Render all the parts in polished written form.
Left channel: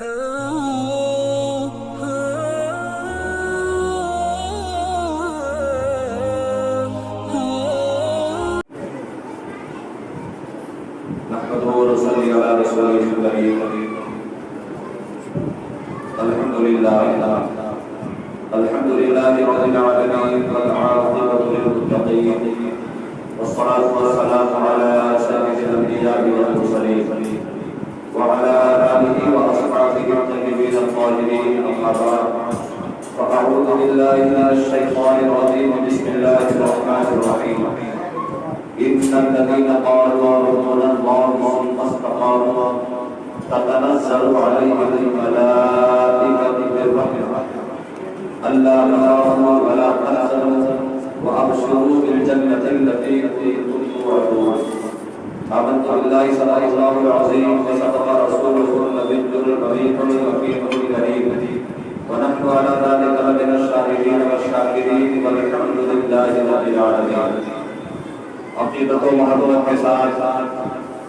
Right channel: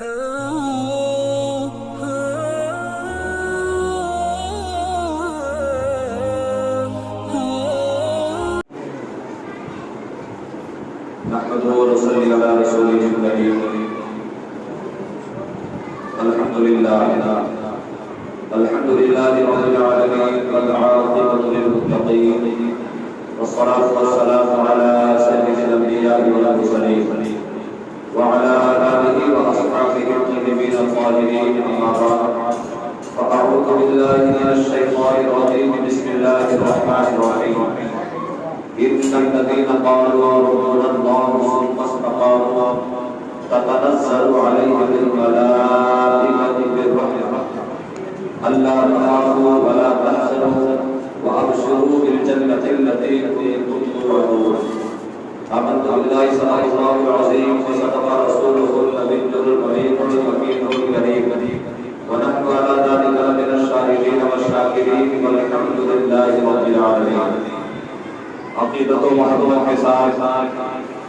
نحمده ونصلي على رسوله الكريم. الحمد لله رب العالمين والعاقبة للمتقين والصلاة والسلام على سيد الأنبياء والمرسلين وعلى آله وأصحابه الطيبين الطاهرين أما بعد فأعوذ بالله من الشيطان الرجيم بسم الله الرحمن الرحيم. إن الذين قالوا ربنا الله ثم استقاموا تتنزل عليهم الملائكة بالرحمة ألا تخافوا ولا تحزنوا وأبشروا بالجنة التي كنتم توعدون. آمنت بالله صدق الله العظيم وصدق رسوله النبي الأمين الحكيم الكريم ونحن على ذلك من الشاهدين والشاكرين والحمد لله رب العالمين. عقیدت و محبت کے ساتھ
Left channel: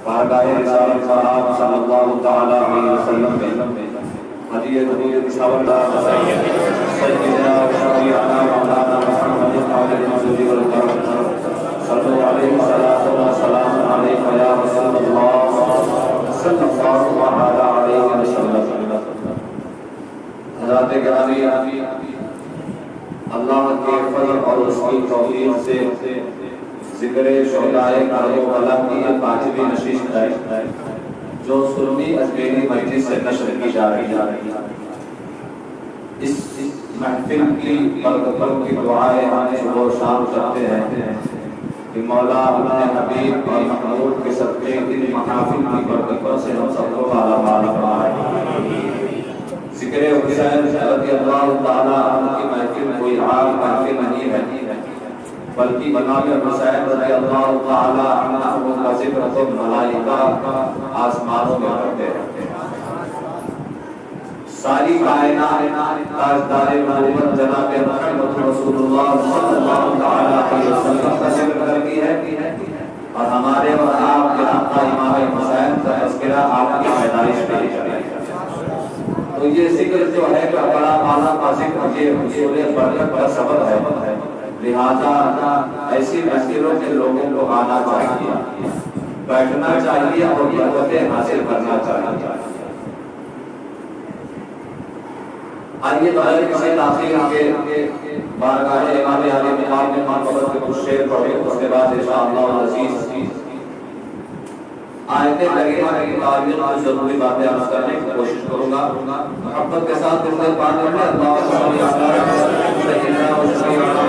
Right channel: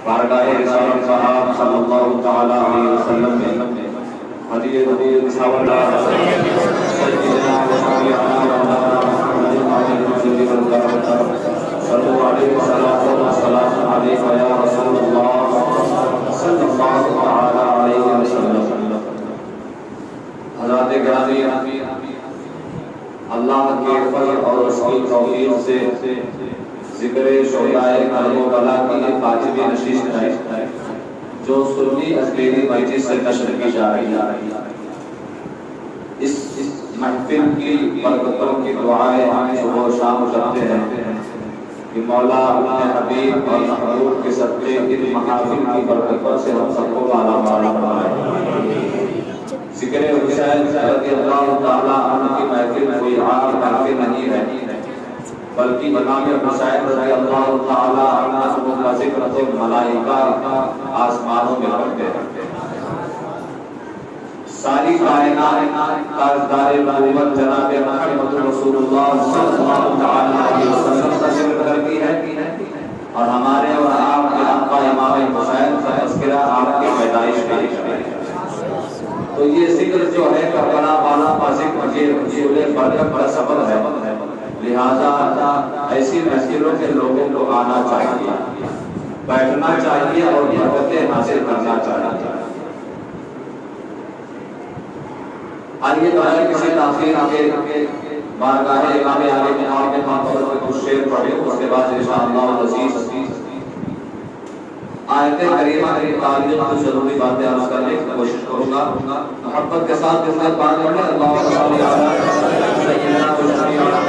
بارگاہ رسالت صاحب صلی اللہ تعالی علیہ وسلم میں ہدیہ نبی مساور دار سیدنا و مولانا محمد صلی اللہ علیہ وسلم علیہ یا رسول اللہ صلی اللہ علیہ وسلم. حضرات گرامی، اللہ کے فضل اور اس کی توفیق سے ذکر شہدائے کربلا کی یہ 5ویں نشست ہے جو سنی اجمیری مسجد سے نشر کی جا رہی ہے. اس محفل کی برکتوں کی دعائیں ہم صبح و شام کرتے ہیں کہ مولا اپنے حبیب اور محبوب کے صدقے ان محافل کی برکتوں سے ہم سب کو بالا بالا فرمائے. ذکر حسین رضی اللہ تعالی عنہ کی محفل کوئی عام محفل نہیں ہے بلکہ امام حسین رضی اللہ تعالی عنہ کا ذکر تو ملائکہ آسمانوں میں کرتے ہیں. ساری کائنات تاجدار نبوت جناب محمد رسول اللہ صلی اللہ تعالی علیہ وسلم کا ذکر کرتی ہے اور ہمارے اور آپ کے آقا امام حسین کا تذکرہ آپ کی پیدائش کا ہے. تو یہ ذکر جو ہے کربلا والا کا ذکر یہ حصول برکت کا سبب ہے. لہذا ایسی مسجدوں کے لوگوں کو آنا چاہیے، بیٹھنا چاہیے اور برکتیں حاصل کرنا چاہیے. آئیے بغیر کسی تاخیر کے بارگاہ امام عالی مقام میں مقبرت کے کچھ شعر پڑھے، اس کے بعد انشاءاللہ العزیز آیت کریمہ کی تعریف کو ضروری باتیں عرض کرنے کی کوشش کروں گا. محبت کے ساتھ درود پاک کریں. اللہم صل علی سیدنا و شفیعنا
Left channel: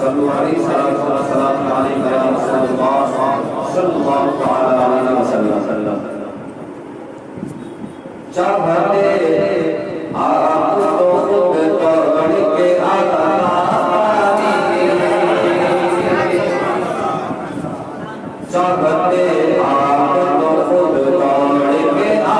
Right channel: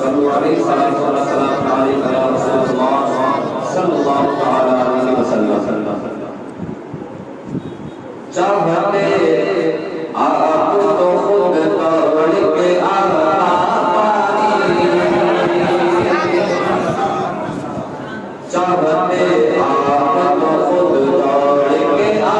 صلو علیہ الصلوۃ والسلام علیہ یا رسول اللہ صلی اللہ علیہ وسلم. چاہتے آپ تو خود توڑ کے آنا چاہتے آپ تو خود توڑ کے آنا چاہتے آپ تو خود توڑ کے آنا چاہتے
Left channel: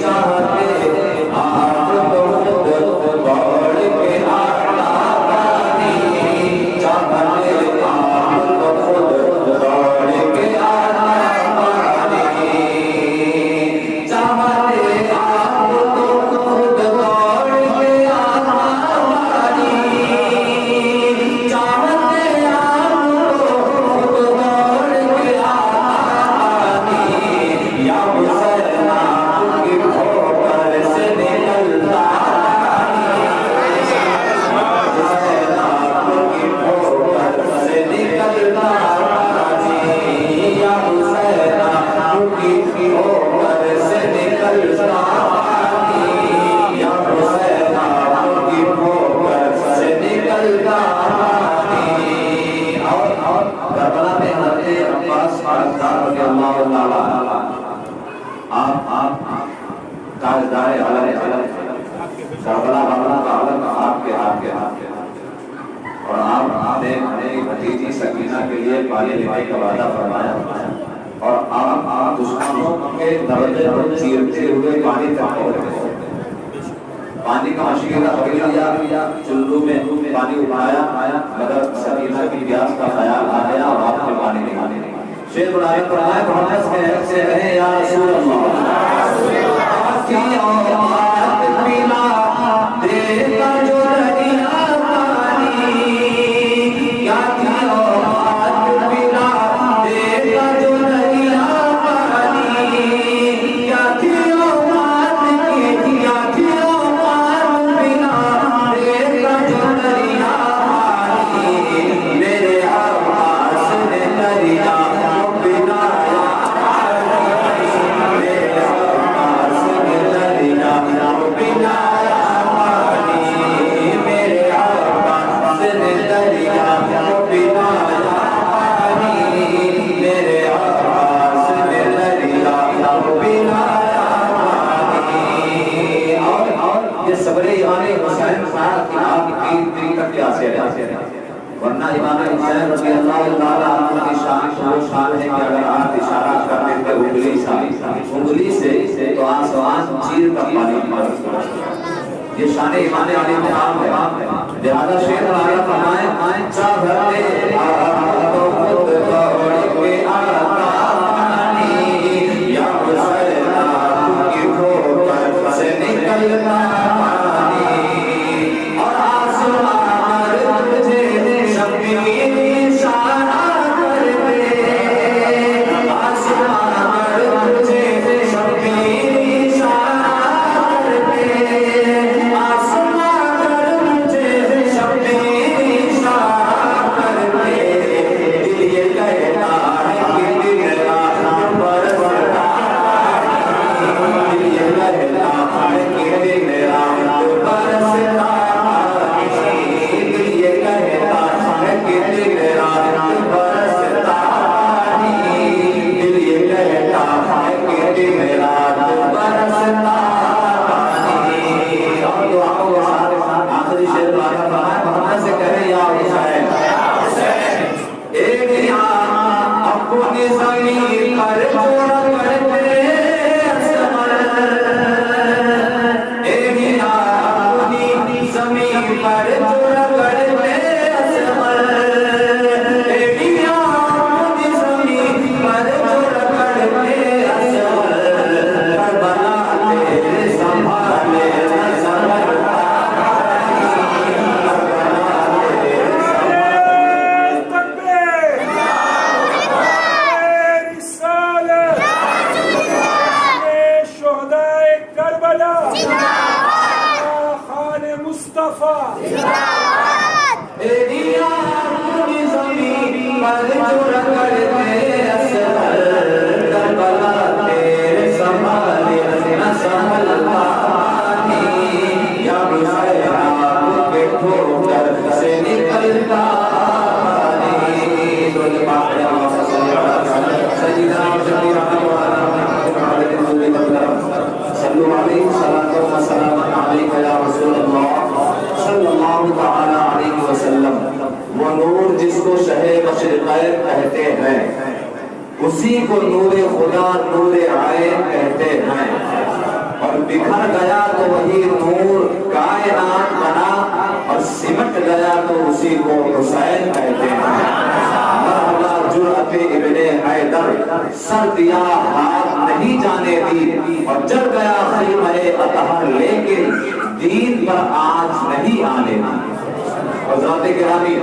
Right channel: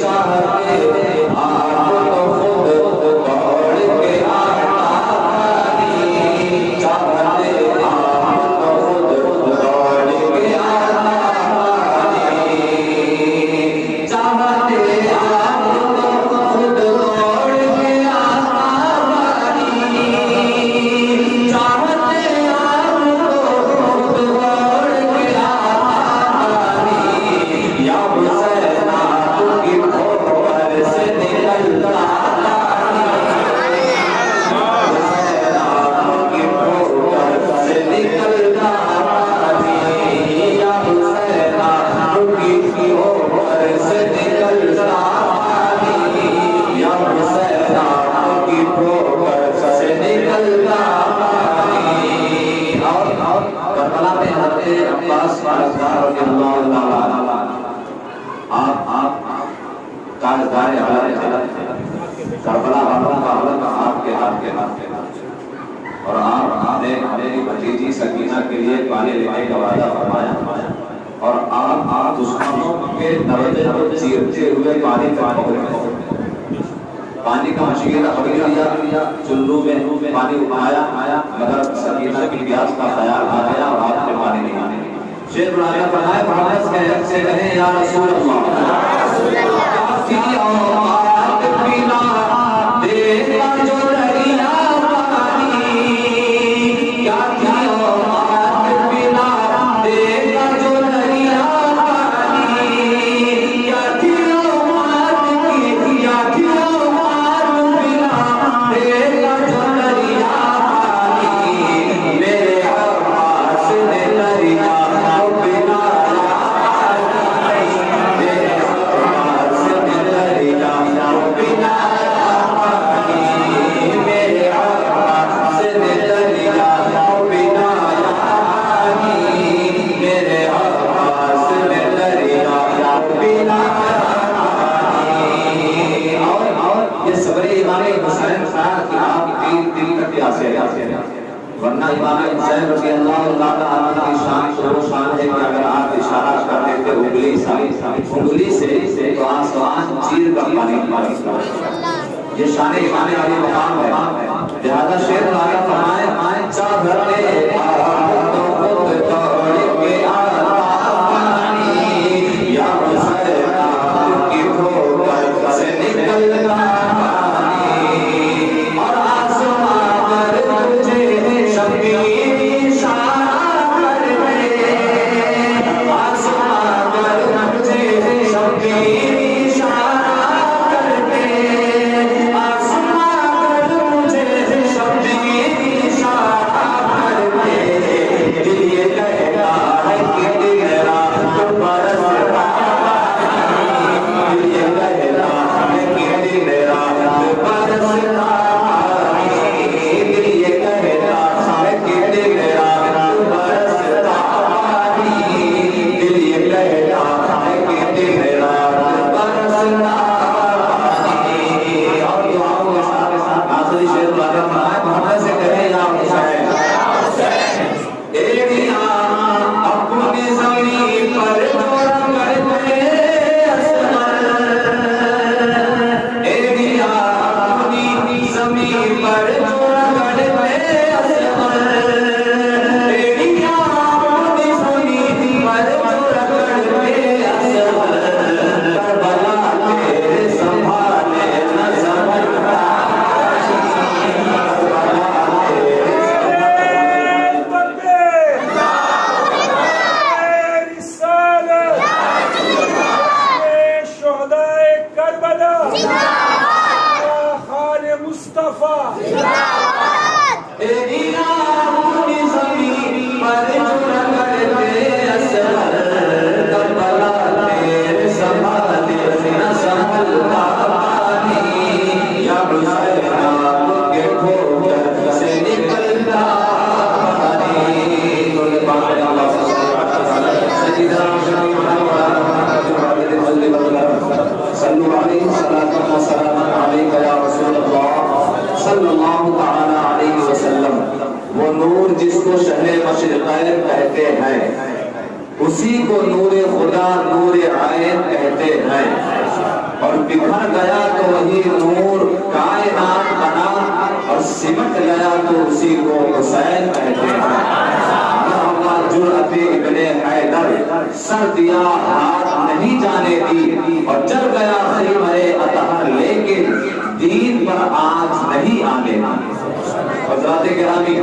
آپ تو خود توڑ کے آنا اور آپ نے ہمیں بھتیجی سکینہ کے لیے پانی لینے کا وعدہ فرمایا اور آپ دشمنوں کے درجے کو چیرتے ہوئے پانی تک پہنچ گئے. پانی کا مشکل اگلے لیا چلو میں پانی اٹھایا مگر سکینہ کی پیاس کا خیال آ گیا اور آپ کو پانی نہیں آنے. شیخ العالم فرمائے محمد سے کہیں یا رسول اللہ کی اوقات پینا دیکھا جو دریا پانی کیا کی اوقات پینا دیکھا جو دریا پانی کیا کی اوقات کیا کی اوقات پینا دیکھا جو دریا پانی میرے عباس نے دریا ورنہ امام حسین رضی اللہ تعالیٰ عنہ کی شان تو وہ شان ہے کہ اگر آپ اشارہ کرتے تھے انگلی سے تو آسمان چیر کا پانی یہ شان امام علی مقام ہے لہذا شیخ العالم فرمائے چاہتے تو خود توڑ کے آتا پانی یا حسین آپ کی ٹھوکر سے نکلتا وہ نور جس کو شہ مشرقین کہتے ہیں اسی کو نور خدا نور عین کہتے ہیں اور بکھر گیا تو وہی نور کائنات بنا اور سمٹ گیا تو اسی کو حسین کہتے ہیں جرأت ابن حیدر سر دیا ہاتھ نہیں جانے دی اور جل گیا خیمہ اطہر لیکن دین پر آج نہیں آنے دی۔ حضرات گرامی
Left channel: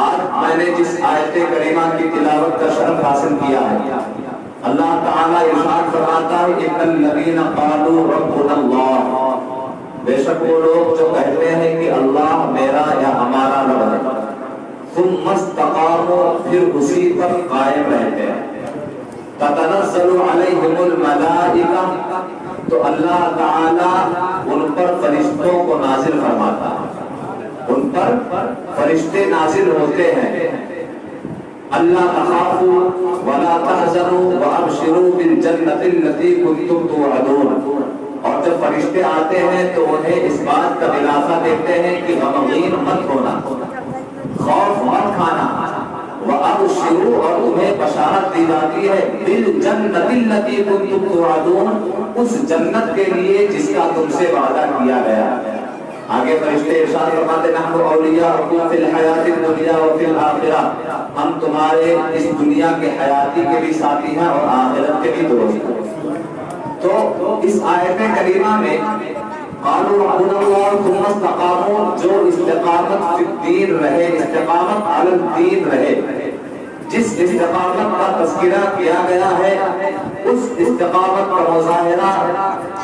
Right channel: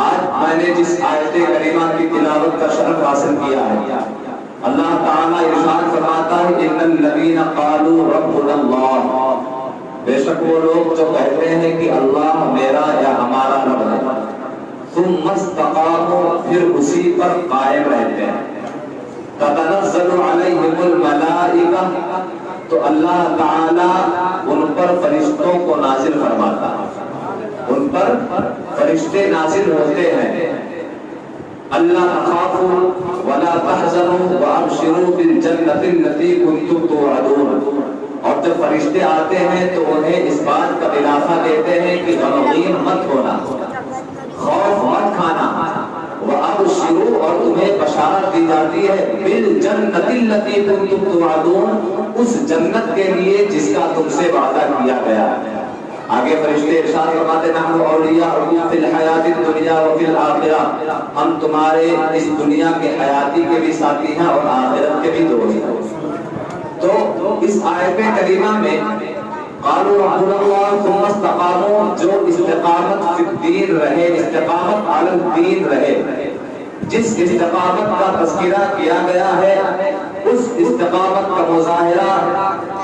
آج میں نے جس آیت کریمہ کی تلاوت کا شرف حاصل کیا ہے اللہ تعالیٰ ارشاد فرماتا ہے ان الذین قالوا ربنا اللہ، بے شک وہ لوگ جو کہتے ہیں کہ اللہ میرا یا ہمارا رب ہے، ثم استقاموا پھر اسی پر قائم رہتے ہیں، تتنزل علیہم الملائکہ تو اللہ تعالیٰ ان پر فرشتوں کو نازل فرماتا ہے، ان پر فرشتے نازل ہوتے ہیں، اللہ تخافوا ولا تحزنوا وابشروا بالجنة التي كنتم توعدون، اور جب فرشتے آتے ہیں تو انہیں اس بات کا دلاسا دیتے ہیں کہ غمگین مت ہونا، خوف مت کھانا، وابشروا اور تمہیں بشارت دی جاتی ہے بالجنة التي كنتم توعدون، اس جنت کے لیے جس کا تم سے وعدہ کیا گیا۔ آگے فرشتے ارشاد فرماتے ہیں نحن اولیاءکم فی الحیات الدنیا وفی الآخرہ، ہم تمہارے اس دنیا کے حیاتی کے بھی ساتھی ہیں اور آخرت کے بھی دوست ہیں۔ تو اس آیت کریمہ میں قالوا ربنا اللہ ثم استقاموا، جو استقامت فی الدین رہے، استقامت علی الدین رہے، جس استقامت کا تذکرہ کیا گیا ہے اس استقامت کا مظاہرہ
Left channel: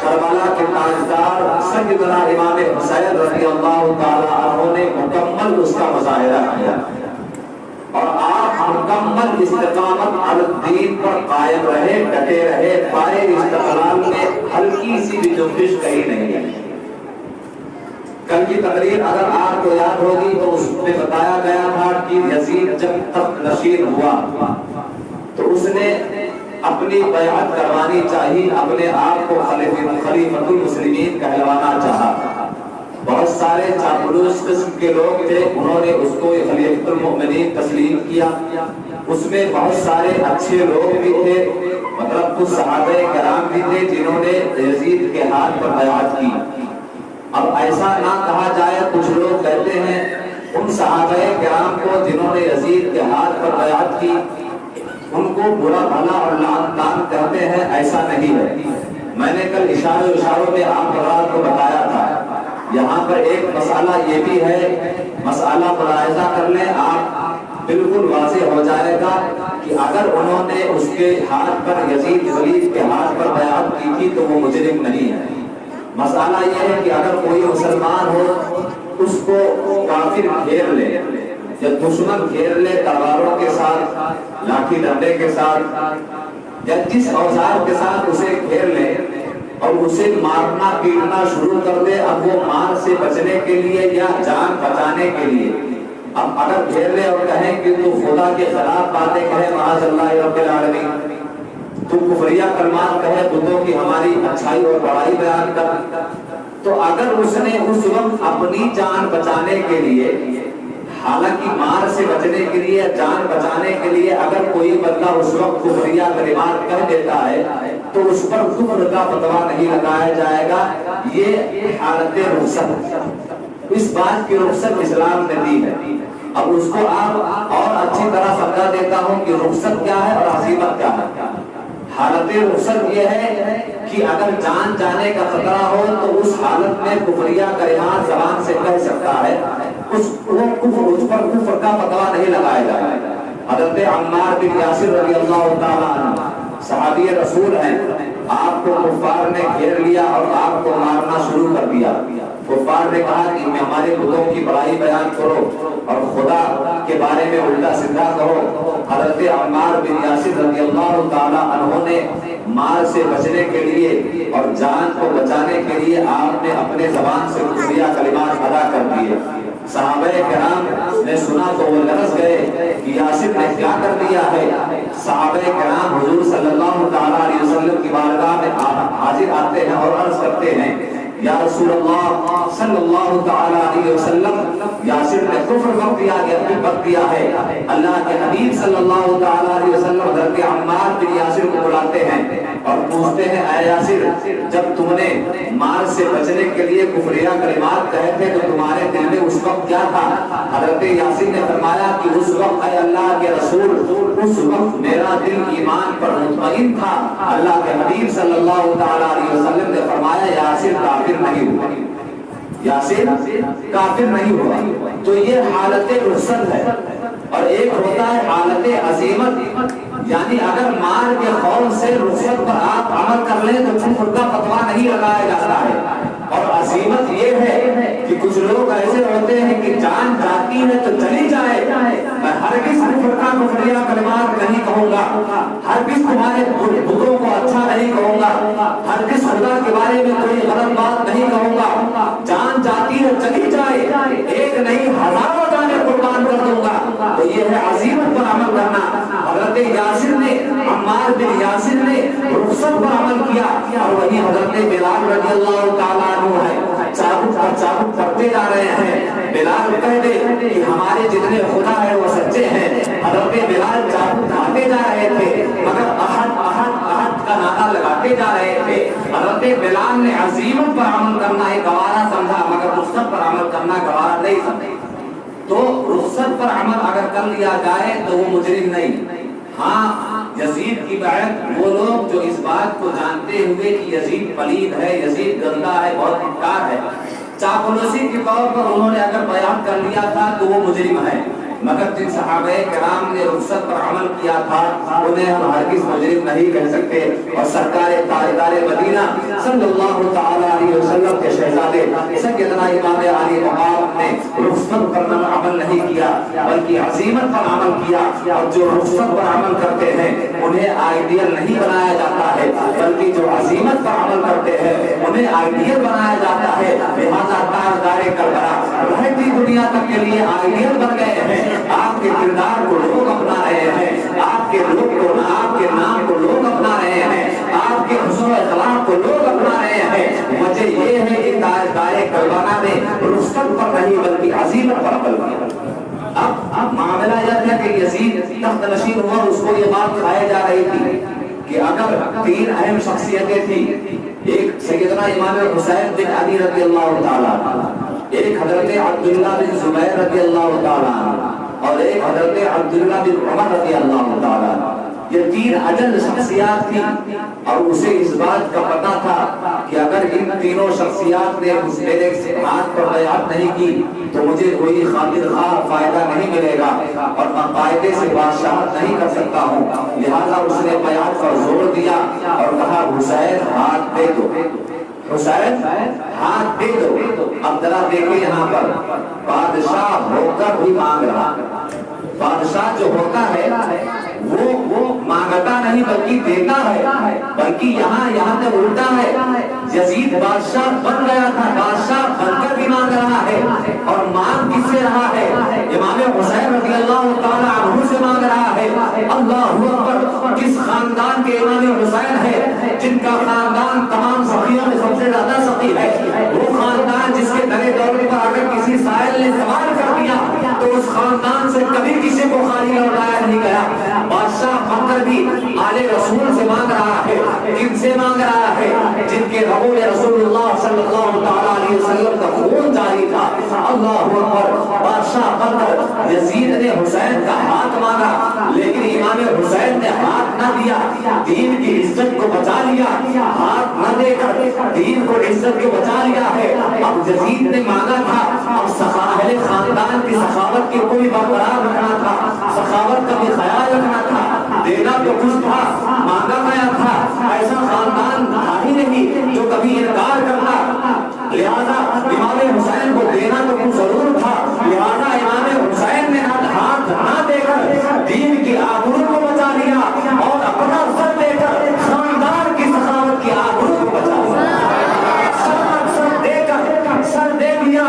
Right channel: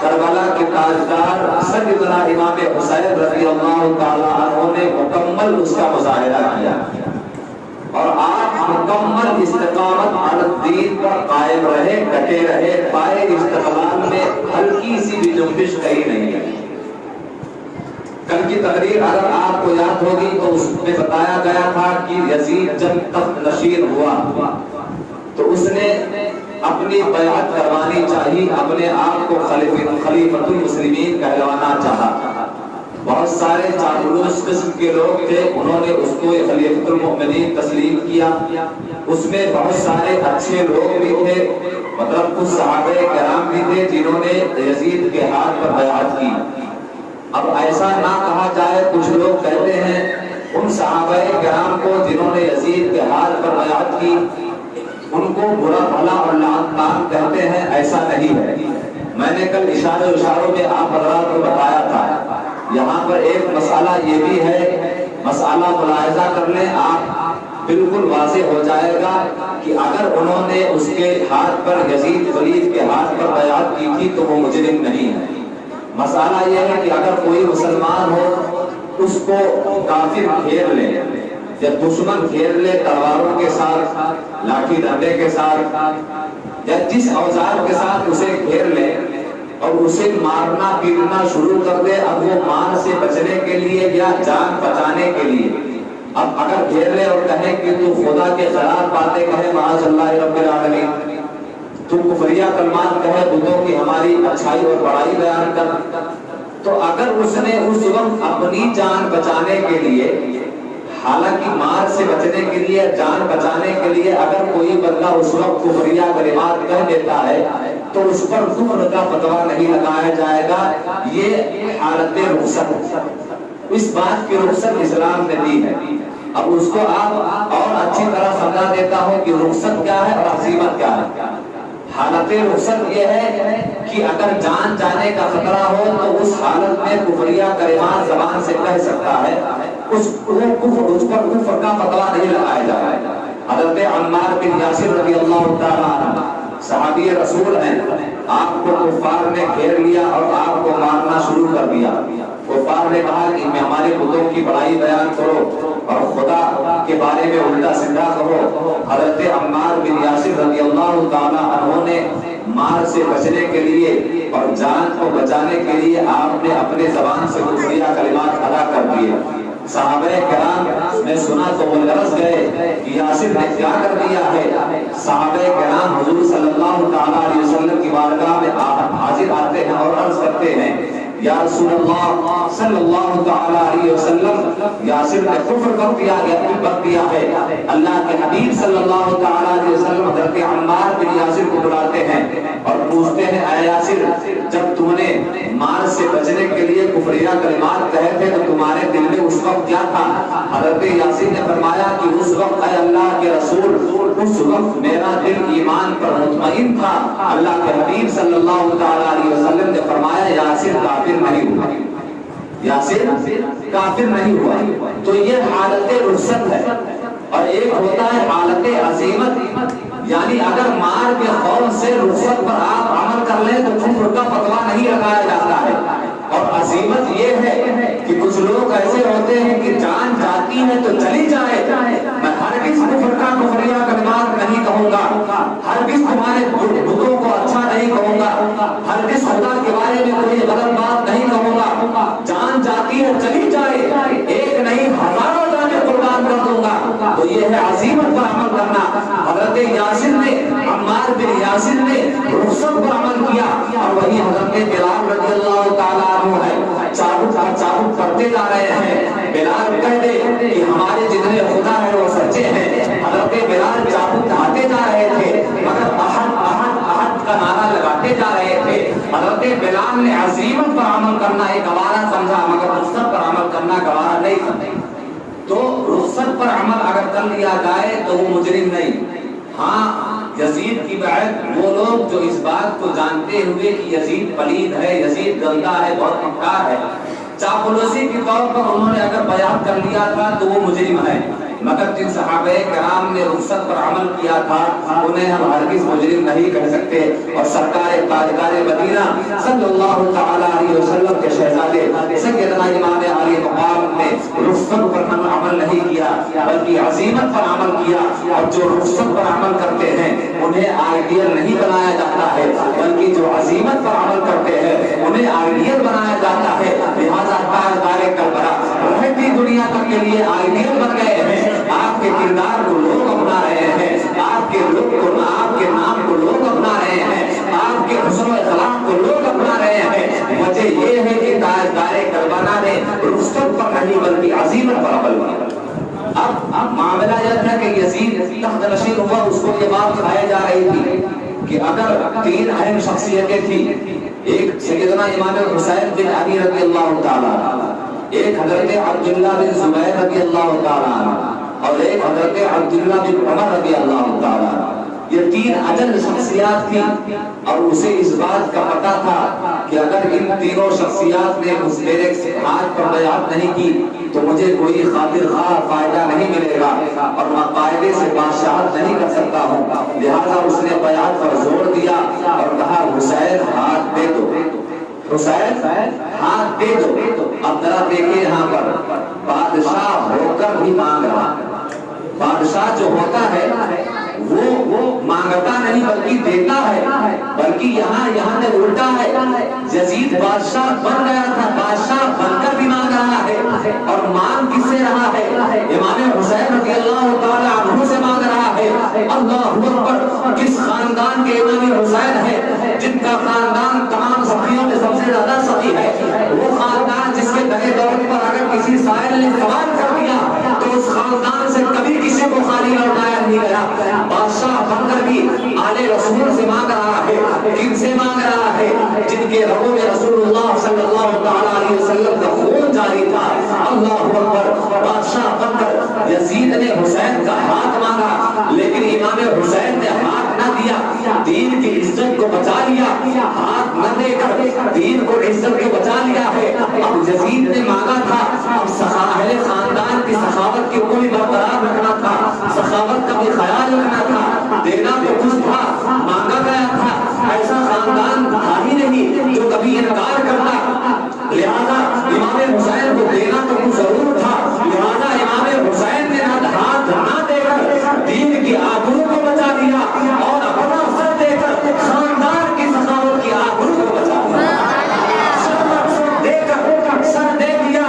کربلا کے تاجدار سیدنا امام حسین رضی اللہ تعالی عنہ نے مکمل اس کا مظاہرہ کیا، اور آپ مکمل استقامت علی الدین پر قائم رہے، ڈٹے رہے، پائے استقلال میں ہلکی سی بھی جنبش کہیں نہیں ہے۔ کل کی تقریر اگر آپ کو یاد ہوگی تو اس میں بتایا گیا تھا کہ یزید جب تخت نشین ہوا تو اس نے اپنی بیعت کروانی چاہی، اپنے آپ کو خلیفۃ المسلمین کہلوانا چاہا۔ بہت سارے چاپلوس قسم کے لوگ تھے، انہوں نے اس کو خلیفۃ المؤمنین تسلیم کیا۔ اس میں بہت سارے اچھے لوگ بھی تھے، مطلب کچھ صحابہ کرام بھی تھے جنہوں نے یزید کے ہاتھ پر بیعت کی۔ اب ایسا نہ کہا جائے، کچھ لوگ کہتے ہیں ان صحابہ کرام کو جنہوں نے یزید کے ہاتھ پر بیعت کی ان کو برا بھلا اور لعن کہتے ہیں، ایسا نہیں ہے۔ میں نے کل اشاروں میں آپ حضرات کو بتایا تھا، یہاں پر ایک مسئلہ یہ بھی ہے، مسئلہ ملاحظہ کر لیں آپ، بالکل واضح ہو جائے گا کہ اگر انہوں نے اس کے ہاتھ پر یزید خلیف کے ہاتھ پر بیعت کی تھی تو وہ مجرم نہیں ہے۔ مسئلہ یہ ہے کہ اگر کوئی مسلمان ہو اس کو کافر گھیر لے یا دشمن گھیر لے تلواروں کے ساتھ، لاٹھی ڈنڈے کے ساتھ یا جس اوزار کے ساتھ اسے گھیر لے اور اسے مارنا پیٹنا شروع کر دے، اب وہ مار سے بچنے کے لیے یا جان بچانے کے لیے اب اگر گھیر لے اور کہیں کہ تو خدا کے خلاف باتیں کہے معاذ اللہ رب العالمین، تو کفریہ کلمات کہے، بتوں کی ہماری اچھائی اور بڑائی بیان کر، تو اگر اس نے اس وقت اپنی جان بچانے کے لیے، حالانکہ مار سے بچنے کے لیے، جان بچانے کے لیے اگر کوئی بندہ اس وقت کفریہ کلمات کہہ دیتا ہے تو اس پر کفر کا فتویٰ نہیں لگایا جائے گا۔ یہ حالت رخصت، اس بات کی رخصت اسلام نے دی ہے۔ اب اس کو آپ اور اچھی طرح سمجھا دیتا ہوں کہ رخصت کیا ہے اور عزیمت کیا ہے۔ حالت رخصت یہ ہے کہ اگر جان جانے کا خطرہ ہو تو اس حالت میں کفریہ کلمات زبان سے کہہ سکتا ہے، اس پر کفر کا فتویٰ نہیں لگایا جائے۔ حضرت عمار بن یاسر رضی اللہ تعالیٰ عنہ صحابی رسول ہیں، آپ کو کفار نے گھیر لیا اور آپ کو مارنا شروع کر دیا۔ کفار نے کہا کہ ہمارے بتوں کی بڑائی بیان کرو اور خدا کے بارے میں الٹا سیدھا کہو۔ حضرت عمار بن یاسر رضی اللہ تعالیٰ عنہ نے مار سے بچنے کے لیے اور جان کو بچانے کے لیے آپ نے اپنے زبان سے کفریہ کلمات ادا کر دیے۔ صحابہ کرام نے سنا تو وہ لرز گئے کہ یاسر نے کیا کر دیا ہے۔ صحابہ کرام حضور صلی اللہ تعالیٰ علیہ وسلم کی بارگاہ میں حاضر آتے ہیں اور عرض کرتے ہیں، یا رسول اللہ صلی اللہ تعالیٰ علیہ وسلم، یاسر نے کفر کر دیا ہے۔ اللہ کے حبیب صلی اللہ تعالیٰ علیہ وسلم حضرت عمار بن یاسر کو بلاتے ہیں اور پوچھتے ہیں، اے یاسر، جب تم نے مار سے بچنے کے لیے کفریہ کلمات کہے تھے تو تمہارے دل میں اس وقت کیا تھا؟ حضرت یاسر نے فرمایا کہ اس وقت اے اللہ کے رسول، اس وقت میرا دل ایمان پر مطمئن تھا۔ اللہ کے حبیب صلی اللہ تعالیٰ علیہ وسلم نے فرمایا، یاسر کافر نہیں ہوا، یاسر کافر نہیں ہوا۔ تو یہ حالت رخصت ہے، اور ایک ہوتا ہے حالت عزیمت، یعنی اگر مار کے خوف سے رخصت پر آپ عمل کر لیں تو کفر کا فتویٰ نہیں لگایا جاتا ہے۔ اور عزیمت یہ ہے کہ کچھ لوگ ایسے ہوتے ہیں کہ جان جاتی ہے تو چلی جائے، میں ہرگز کفر کا کفریہ کلمات نہیں کہوں گا، ہرگز تمہارے بتوں کو اچھا نہیں کہوں گا، ہرگز خدا کے بارے میں کوئی غلط بات نہیں کہوں گا، جان جاتی ہے چلی جائے، ایک نہیں ہزاروں جانیں قربان کر دوں گا۔ تو یہ ہے عزیمت پر عمل کرنا۔ حضرت یاسر نے، عمار بن یاسر نے رخصت پر عمل کیا، اور وہی حضرت بلال رضی اللہ تعالیٰ عنہ ہے، چابک پڑھتے جا رہے ہیں۔ بلال کہہ دے کہ ہمارے جتنے خدا ہے وہ سچے ہیں۔ حضرت بلال چابک ڈھاتے جا رہے تھے، مگر احد احد احد کا نعرہ لگاتے جا رہے تھے۔ حضرت بلال نے عزیمت پر عمل کرنا ایک گوارا سمجھا مگر رخصت پر عمل کرنا گوارا نہیں سمجھا. تو رخصت پر عمل اگر کر لیا جائے تو وہ مجرم نہیں. ہاں یزید کی بیعت وہ لوگ جو اس بات کو جانتے ہوئے کہ یزید پلید ہے، یزید گندا ہے، بہت مکار ہے، چاپلوسی کے طور پر انہوں نے اگر بیعت کر لیا تھا تو وہ مجرم ہے. مگر جن صحابہ کرام نے رخصت پر عمل کیا تھا انہیں ہم ہرگز مجرم نہیں کہہ سکتے. اور سرکار تاجدار مدینہ صلی اللہ تعالی علیہ وسلم کے شہزادے سیدنا امام علی مقام نے رخصت پر عمل نہیں کیا بلکہ عزیمت پر عمل کیا. اور جو رخصت پر عمل کرتے ہیں انہیں آئیڈیل نہیں بنایا جاتا ہے بلکہ جو عزیمت پر عمل کرتے ہیں انہیں آئیڈیل بنایا جاتا ہے. لہذا تاجدار کربلا رہتی دنیا تک کے لیے آئیڈیل بن گئے ہیں. آپ کے کردار کو لوگ اپنا رہے ہیں، آپ کے لوگ کو، آپ کے نام کو لوگ اپنا رہے ہیں، آپ کے حسن و اخلاق کو لوگ اپنا رہے ہیں. وجہ یہ ہے کہ تاجدار کربلا نے رخصت پر نہیں بلکہ عزیمت پر عمل کیا. اب معاملہ یہ ہے کہ یزید تخت نشین ہوا، اس کو یہ بات بتائی جا رہی تھی کہ اگر تین اہم شخصیتیں تھیں، ایک سیدنا امام حسین بن علی رضی اللہ تعالیٰ عنہ، ایک حضرت عبداللہ بن زبیر رضی اللہ تعالیٰ عنہ اور ایک حضرت عبداللہ بن عمر رضی اللہ تعالیٰ عنہ. یہ تین اجل شخصیات تھیں اور اسے اس بات کا پتا تھا کہ اگر ان تینوں شخصیات نے میرے ہاتھ پر بیعت نہیں کی تو مجھے کوئی خاطر خواہ فائدہ نہیں ملے گا اور میں قاعدے سے بادشاہت نہیں کر سکتا ہوں. لہذا اس نے بیعت پر زور دیا اور کہا حسین ہاتھ دے دو، حسین ہاتھ دے دو. اب ذرا دیکھیں یہاں پر بادشاہ ہو کر بھی مانگ رہا. بادشاہ جو ہوتا ہے وہ مانگتا نہیں بلکہ دیتا ہے، بلکہ یہاں سے الٹا ہے. یزید بادشاہ بن گیا تھا، بادشاہ بن کر بھی مانگ رہا ہے اور مانگ کس سے رہا ہے؟ امام حسین رضی اللہ تعالیٰ عنہ سے مانگ رہا ہے. اللہ اکبر. جس خاندان کے امام حسین ہے، جن کا خاندان تمام سخیوں میں سب سے زیادہ سخی ہے، وہ خاندان جس کے درے دور پر اگر کسی سائل نے سوال کر دیا تو اس خاندان سے کبھی کسی کو خالی لوٹایا نہیں گیا. بادشاہ بن کر بھی آل رسول سے مانگ رہا ہے. کن سے مانگ رہا ہے؟ جن کے رگوں میں رسول اللہ صلی اللہ تعالی علیہ وسلم کا خون جاری تھا. اللہ اکبر. بادشاہ بن کر یزید نے حسین کا ہاتھ مانگا لیکن امام حسین نے ہاتھ نہ دیا، دین کی عزت کو بچا لیا. ہاتھ نہ دے کر دین کو عزت کو بچا لیا ہے. اب یزید نے مانگا تھا، اب اہل خاندان کی سخاوت کی کوئی برقرار رکھنا تھا، سخاوت کا بھی خیال رکھنا تھا. دینا تو کچھ تھا، مانگا گیا تھا. ایسا خاندان تھا ہی نہیں جو کبھی انکار کرتا. لہذا امام حسین کو دینا تو کچھ ضرور تھا. لہذا امام حسین نے ہاتھ نہ دے کر دین کی آبرو کو بچا لیا اور اپنا سر دے کر خاندان کی سخاوت کی آبرو کو بچا لیا. سر دے دیا،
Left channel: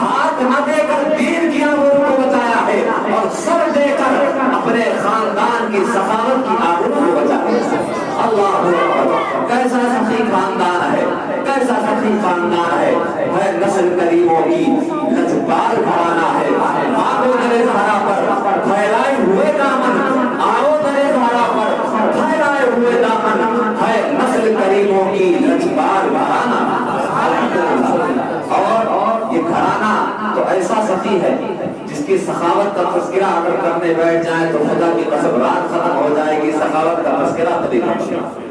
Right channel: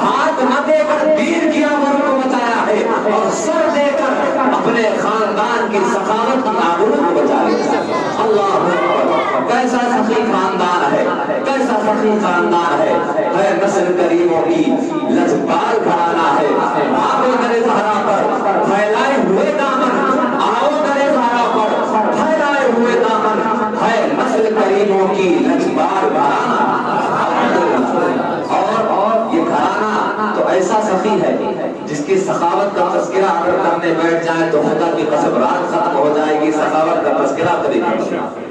ہاتھ نہ دے کر دین کی آبرو کو بچایا ہے اور سر دے کر اپنے خاندان کی سخاوت کی آبرو کو بچا لیا. اللہ کیسا سخی خاندان ہے، کیسا سخی خاندان ہے. نسل کریموں کی لجپال گھرانہ ہے. آؤ درے زہرا پر پھیلائے ہوئے دامن، آؤ درے زہرا پر پھیلائے ہوئے دامن ہے نسل کریموں کی لجپال گھرانہ. اور یہ گھرانہ تو ایسا سخی ہے جس کی سخاوت کا تذکرہ اگر کرنے بیٹھ جائیں تو خدا کی قسم رات ختم ہو جائے گی. سخاوت کا تذکرہ کبھی نہیں.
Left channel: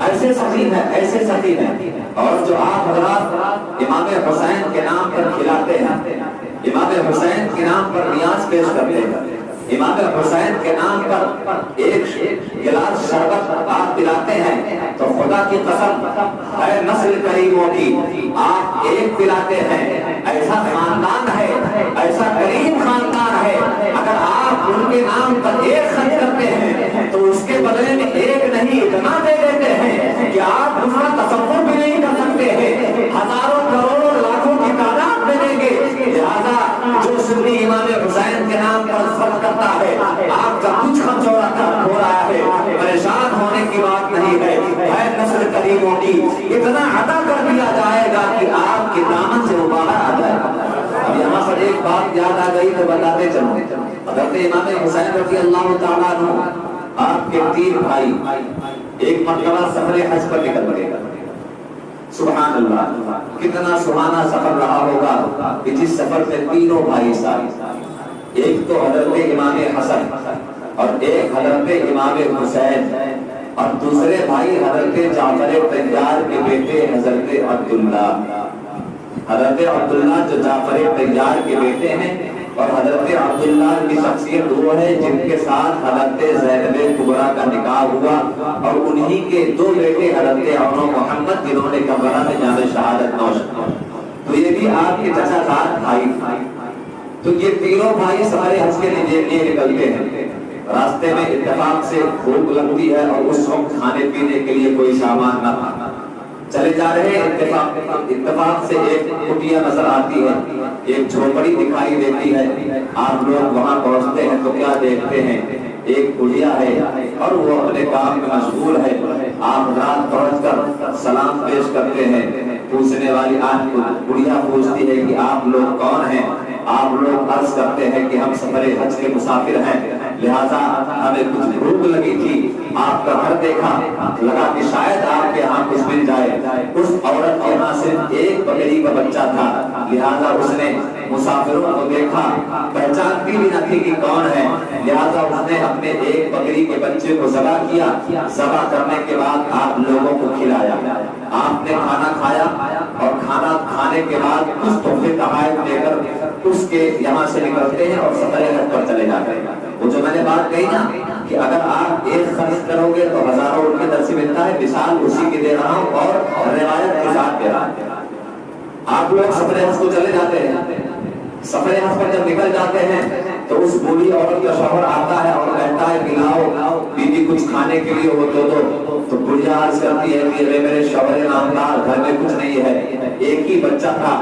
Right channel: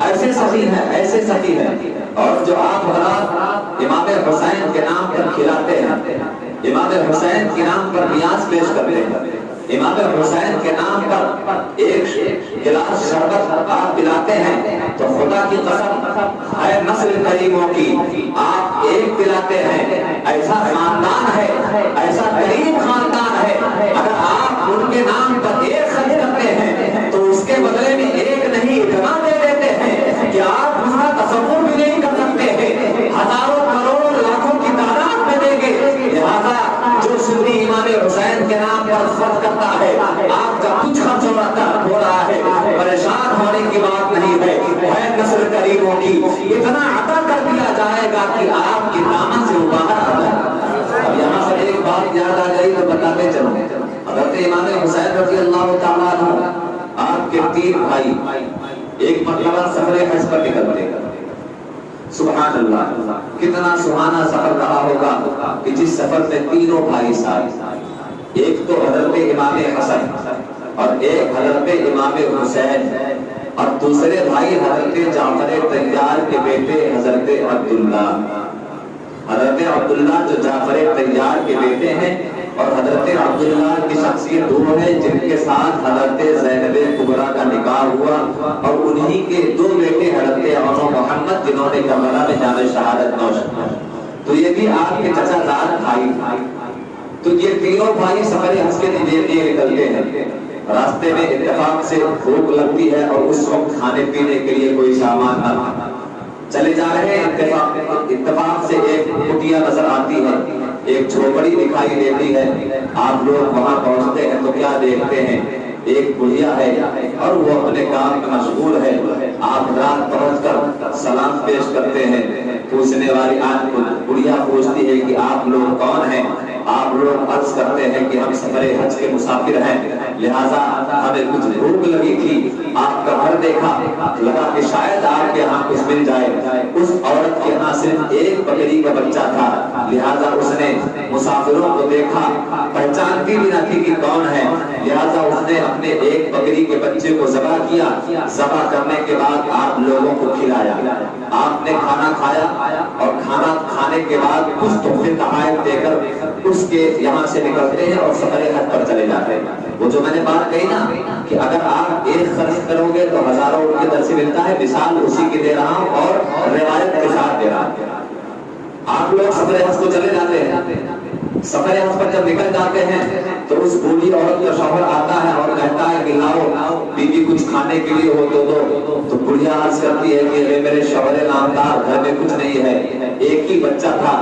ایسے سخی ہے، ایسے سخی ہے. اور جو آپ حضرات امام حسین کے نام پر کھلاتے ہیں، امام حسین کے نام پر نیاز پیش کرتے ہیں، امام حسین کے نام پر ایک گلاس شربت آپ پلاتے ہیں تو خدا کی قسم ہے نسل کریموں کی آپ ایک پلاتے ہیں. ایسا خاندان ہے، ایسا کریم خاندان ہے. اگر آپ ان کے نام پر ایک خرچ کرتے ہیں تو اس کے بدلے میں ایک نہیں اتنا دے دیتے ہیں کہ آپ اس کا تصور بھی نہیں کر سکتے ہیں. ہزاروں کروڑوں لاکھوں کی تعداد میں دیں گے. لہذا جو سنی امام حسین کے نام پر خرچ کرتا ہے آپ کا کچھ خرچ ہو رہا ہے، پریشان ہونے کی بات نہیں ہے. نسل کریموں کی اتنا عطا کر دیا جائے گا کہ آپ کے دامن سے باہر آ جائے. اب یہاں پر ایک بات یاد آ گئی تو بتاتے چلو. حضرت امام حسین رضی اللہ تعالیٰ عنہ آپ کے تین بھائی ایک مرتبہ سفر حج پر نکلتے سبحان اللہ، کتنا سہانا سفر رہا ہوگا کہ جس سفر میں تینوں بھائی ساتھ، ایک تو حضرت امام حسن اور ایک حضرت امام حسین اور دوسرے بھائی حضرت جعفر طیار کے بیٹے حضرت عبداللہ۔ حضرت عبداللہ جو جعفر طیار کے بیٹے ہیں اور حضرت عبداللہ کی شخصیت وہ ہے جن کے ساتھ حضرت زینب کبریٰ کا نکاح ہوا اور انہی کے دو بیٹے حضرت عمر و محمد جنہوں نے کربلا میں جان شہادت نوش کی۔ تو یہ بھی آپ کے چچا زاد بھائی تھے۔ تو یہ تینوں بھائی سفر حج کے لیے نکلتے ہیں۔ راستے میں اتفاق سے بھوک لگتی ہے اور اس وقت کھانے پینے کے لیے کوئی سامان نہ تھا۔ چلے جا رہے ہیں، اتفاق سے ایک کٹیا نظر آتی ہے، ایک جھوپڑی دکھائی دیتی ہے۔ آپ لوگ وہاں پہنچتے ہیں تو کیا دیکھتے ہیں؟ ایک بڑھیا ہے اور وہ اپنے کام میں مشغول ہے۔ آپ رات پہنچ کر سلام پیش کرتے ہیں۔ پوچھنے والی بڑھیا پوچھتی ہے کہ آپ لوگ کون ہیں؟ آپ لوگ عرض کرتے ہیں کہ ہم سفر حج کے مسافر ہیں، لہذا ہمیں کچھ بھوک لگی تھی، آپ کا گھر دیکھا، لگا کہ شاید آپ کے یہاں کچھ مل جائے۔ اس عورت کے یہاں صرف ایک بکری کا بچہ تھا، لہذا اس نے مسافروں کو دیکھا، پہچانتی بھی نہ تھی کہ کون ہے، لہذا اس نے اپنے ایک بکری کے بچے کو ذبح کیا۔ ذبح کرنے کے بعد آپ لوگوں کو کھلایا۔ آپ نے کھانا کھایا اور کھانا کھانے کے بعد کچھ تحفے تحائف دے کر اس کے یہاں سے نکلتے ہیں اور سفر حج پر چلے جاتے ہیں۔ وہ جو میں نے بات کہی نا کہ اگر آپ ایک خرچ کرو گے تو ہزاروں روپے در سے ملتا ہے، مثال اسی کی دے رہا ہوں اور روایت کے ساتھ دے رہا ہوں۔ آپ لوگ سفر حج کو چلے جاتے ہیں، سفر حج پر جب نکل جاتے ہیں تو اس بوڑھی عورت کا شوہر آتا ہے اور کہتا ہے کہ لاؤ بیوی کچھ کھانے کے لیے ہو تو بڑھیا عرض کرتی ہے کہ میرے شوہر نامدار گھر میں کچھ نہیں ہے، ایک ہی بچہ تھا،